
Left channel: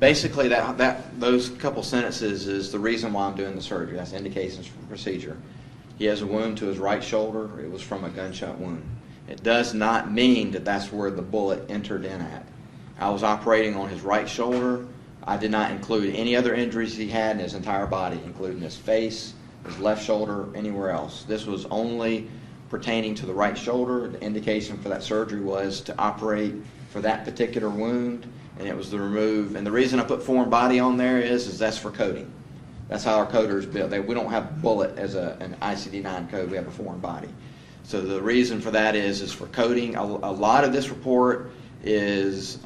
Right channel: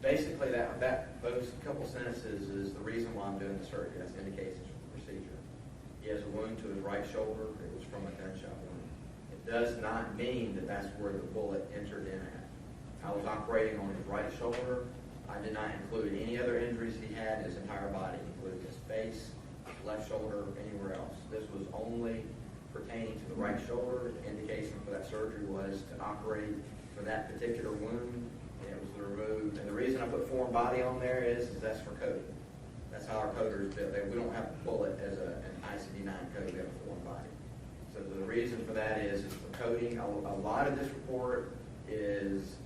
Basically, those couple sentences is the reason why I'm doing the surgery. That's indications for the procedure. He has a wound to his right shoulder. It was from a gunshot wound. It does not mean that that's where the bullet entered in at. I was operating on his right shoulder. I did not include any other injuries he had in his entire body, including his face, his left shoulder, anywhere else. This was only pertaining to the right shoulder. The indication for that surgery was to operate for that particular wound, and it was to remove. And the reason I put foreign body on there is that's for coding. That's how our coders build. We don't have bullet as an ICD-9 code. We have a foreign body. So the reason for that is for coding. A lot of this report is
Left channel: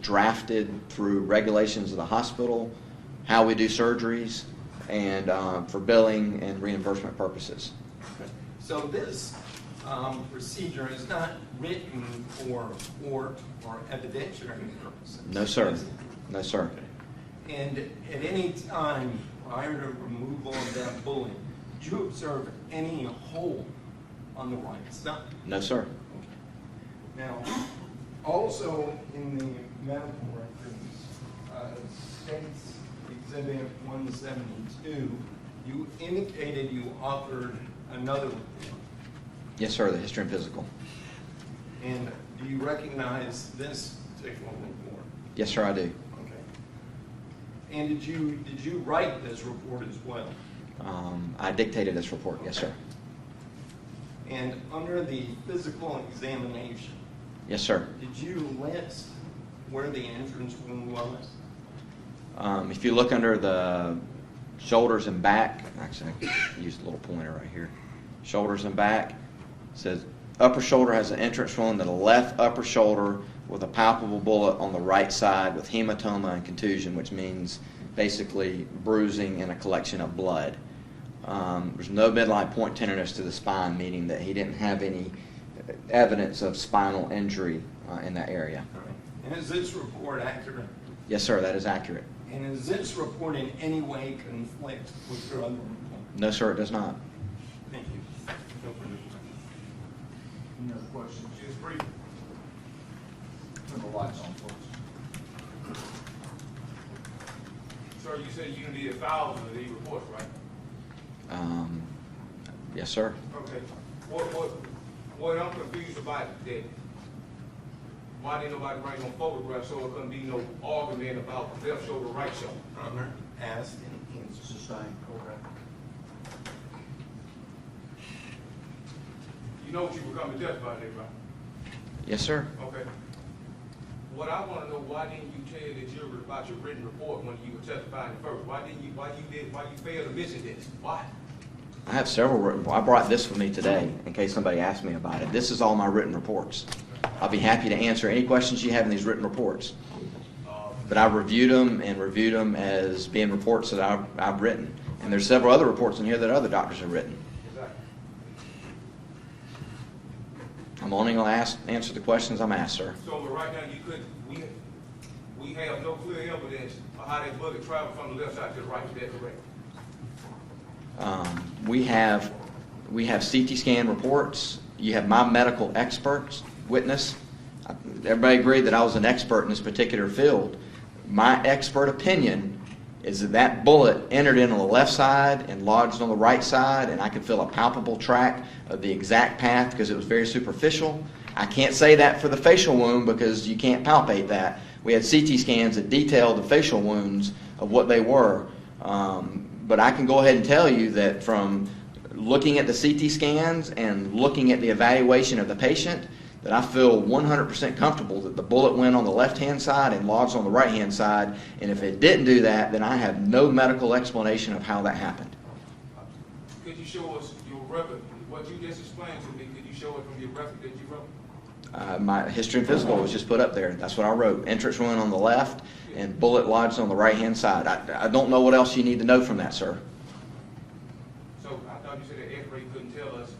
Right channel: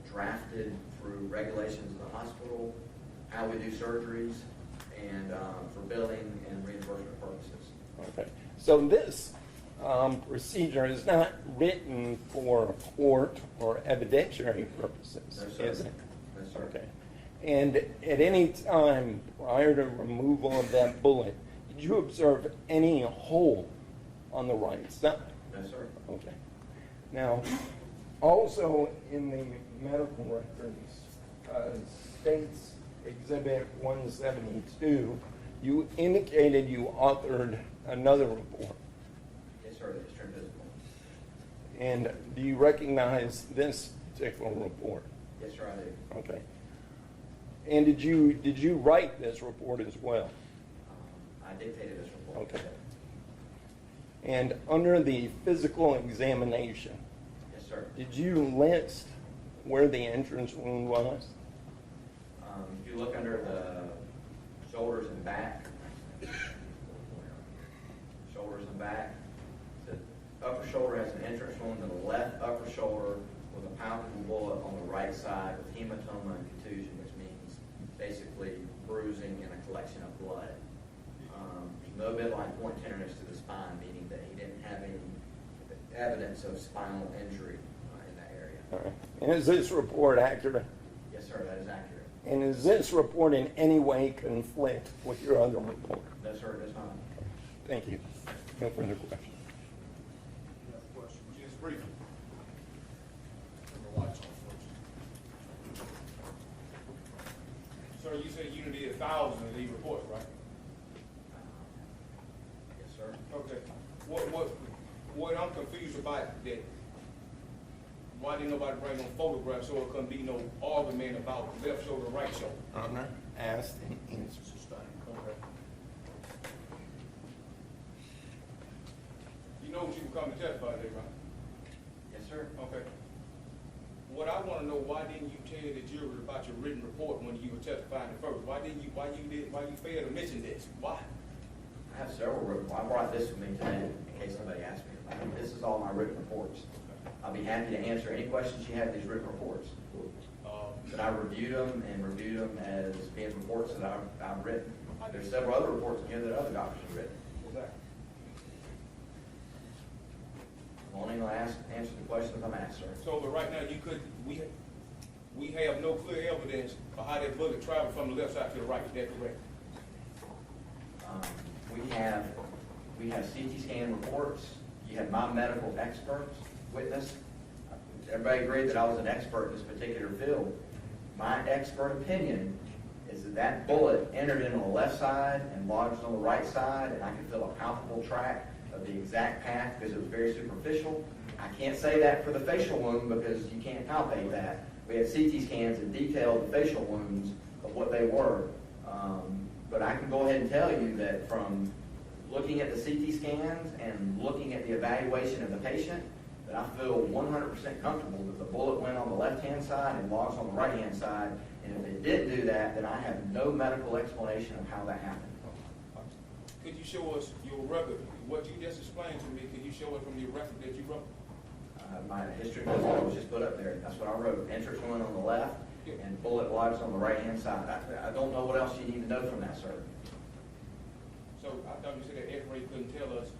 drafted through regulations of the hospital, how we do surgeries, and for billing and reimbursement purposes. Okay. So this procedure is not written for court or evidentiary purposes. No, sir. Is it? No, sir. Okay. And at any time prior to removal of that bullet, did you observe any hole on the right side? No, sir. Okay. Now, also in the medical records, States Exhibit 172, you indicated you authored another report. Yes, sir, the history and physical. And do you recognize this particular report? Yes, sir, I do. Okay. And did you write this report as well? I dictated this report, yes, Okay. sir. And under the physical examination, Yes, sir. did you list where the entrance wound was? If you look under the shoulders and back, actually I can use a little pointer right here. Shoulders and back, it says upper shoulder has an entrance wound to the left upper shoulder with a palpable bullet on the right side with hematoma and contusion, which means basically bruising and a collection of blood. There's no midline point tenderness to the spine, meaning that he didn't have any evidence of spinal injury in that area. All right. And is this report accurate? Yes, sir, that is accurate. And does this report in any way conflict with your other report? No, sir, it does not. Thank you. No further questions. Any other questions? Just brief. Turn the lights on, please. Sir, you said you needed thousands of these reports, right? Yes, sir. Okay. What I'm confused about that, why didn't nobody bring no photographs so it couldn't be no argument about left shoulder, right shoulder? Asked and answered. Sustained. Okay. You know what you were coming to testify today, right? Yes, sir. Okay. What I want to know, why didn't you tell the jury about your written report when you were testifying first? Why you failed to mention this? Why? I have several. I brought this with me today in case somebody asked me about it. This is all my written reports. I'll be happy to answer any questions you have in these written reports. But I reviewed them as being reports that I've written. And there's several other reports in here that other doctors have written. Exactly. I'm only going to answer the questions I'm asked, sir. So, but right now, we have no clear evidence of how that bullet traveled from the left side to the right. Is that correct? We have CT scan reports. You have my medical experts witness. Everybody agreed that I was an expert in this particular field. My expert opinion is that that bullet entered in on the left side and lodged on the right side, and I could feel a palpable track of the exact path because it was very superficial. I can't say that for the facial wound because you can't palpate that. We had CT scans that detailed the facial wounds of what they were. But I can go ahead and tell you that from looking at the CT scans and looking at the evaluation of the patient, that I feel 100% comfortable that the bullet went on the left-hand side and lodged on the right-hand side. And if it didn't do that, then I have no medical explanation of how that happened. Could you show us your record? What you just explained to me, could you show it from your record that you wrote? My history and physical was just put up there. That's what I wrote. Entrance wound on the left and bullet lodged on the right-hand side. I don't know what else you need to know from that, sir. So I thought you said that X-ray couldn't tell us,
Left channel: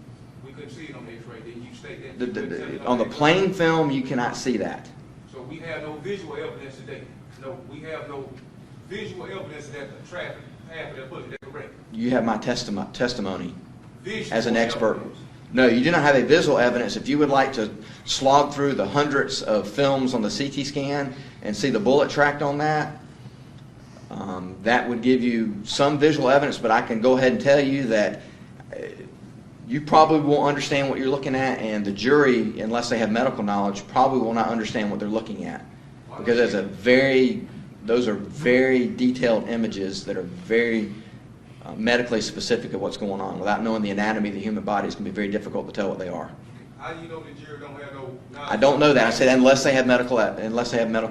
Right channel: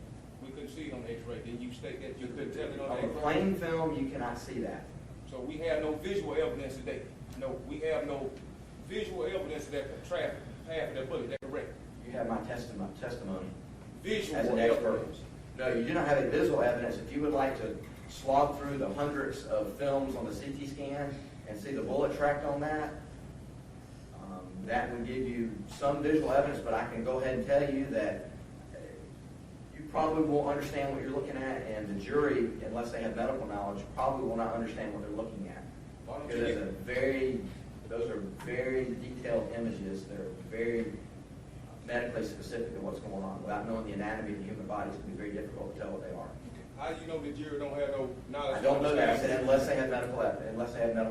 we couldn't see it on the X-ray. Then you state that you couldn't tell it On the X-ray? plain film, you cannot see that. So we have no visual evidence today. No, we have no visual evidence that the traffic path of that bullet. Is that correct? You have my testimony Visual as an expert. evidence. No, you do not have a visual evidence. If you would like to slog through the hundreds of films on the CT scan and see the bullet tracked on that, that would give you some visual evidence, but I can go ahead and tell you that you probably won't understand what you're looking at, and the jury, unless they have medical knowledge, probably will not understand what they're looking at. Because those are very detailed images that are very medically specific of what's going on. Without knowing the anatomy of the human body, it's going to be very difficult to tell what they are. How do you know the jury don't have no knowledge? I don't know that. I said unless they have medical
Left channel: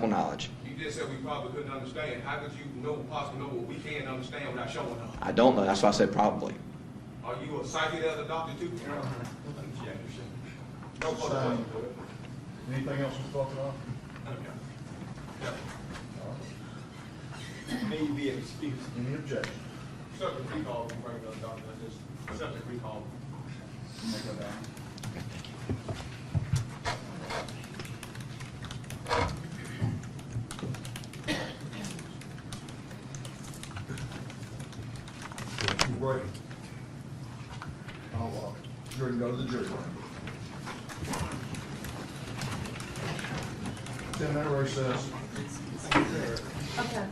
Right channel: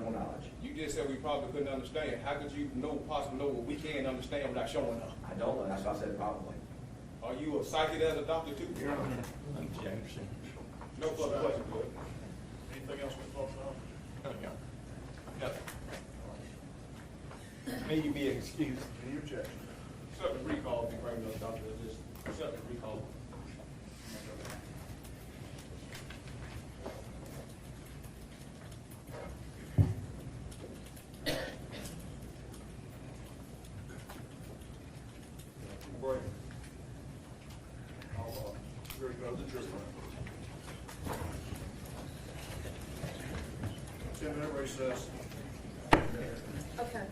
knowledge. You just said we probably couldn't understand. How could you possibly know what we can't understand without showing us? I don't know. That's why I said probably. Are you a psychic as a doctor too? No further questions. Anything else to talk about? May you be excused. Any objection? Subject recall, bring the doctor, just subject recall. You may go down. Break. I'll, jury can go to the jury room. 10-minute recess. Okay.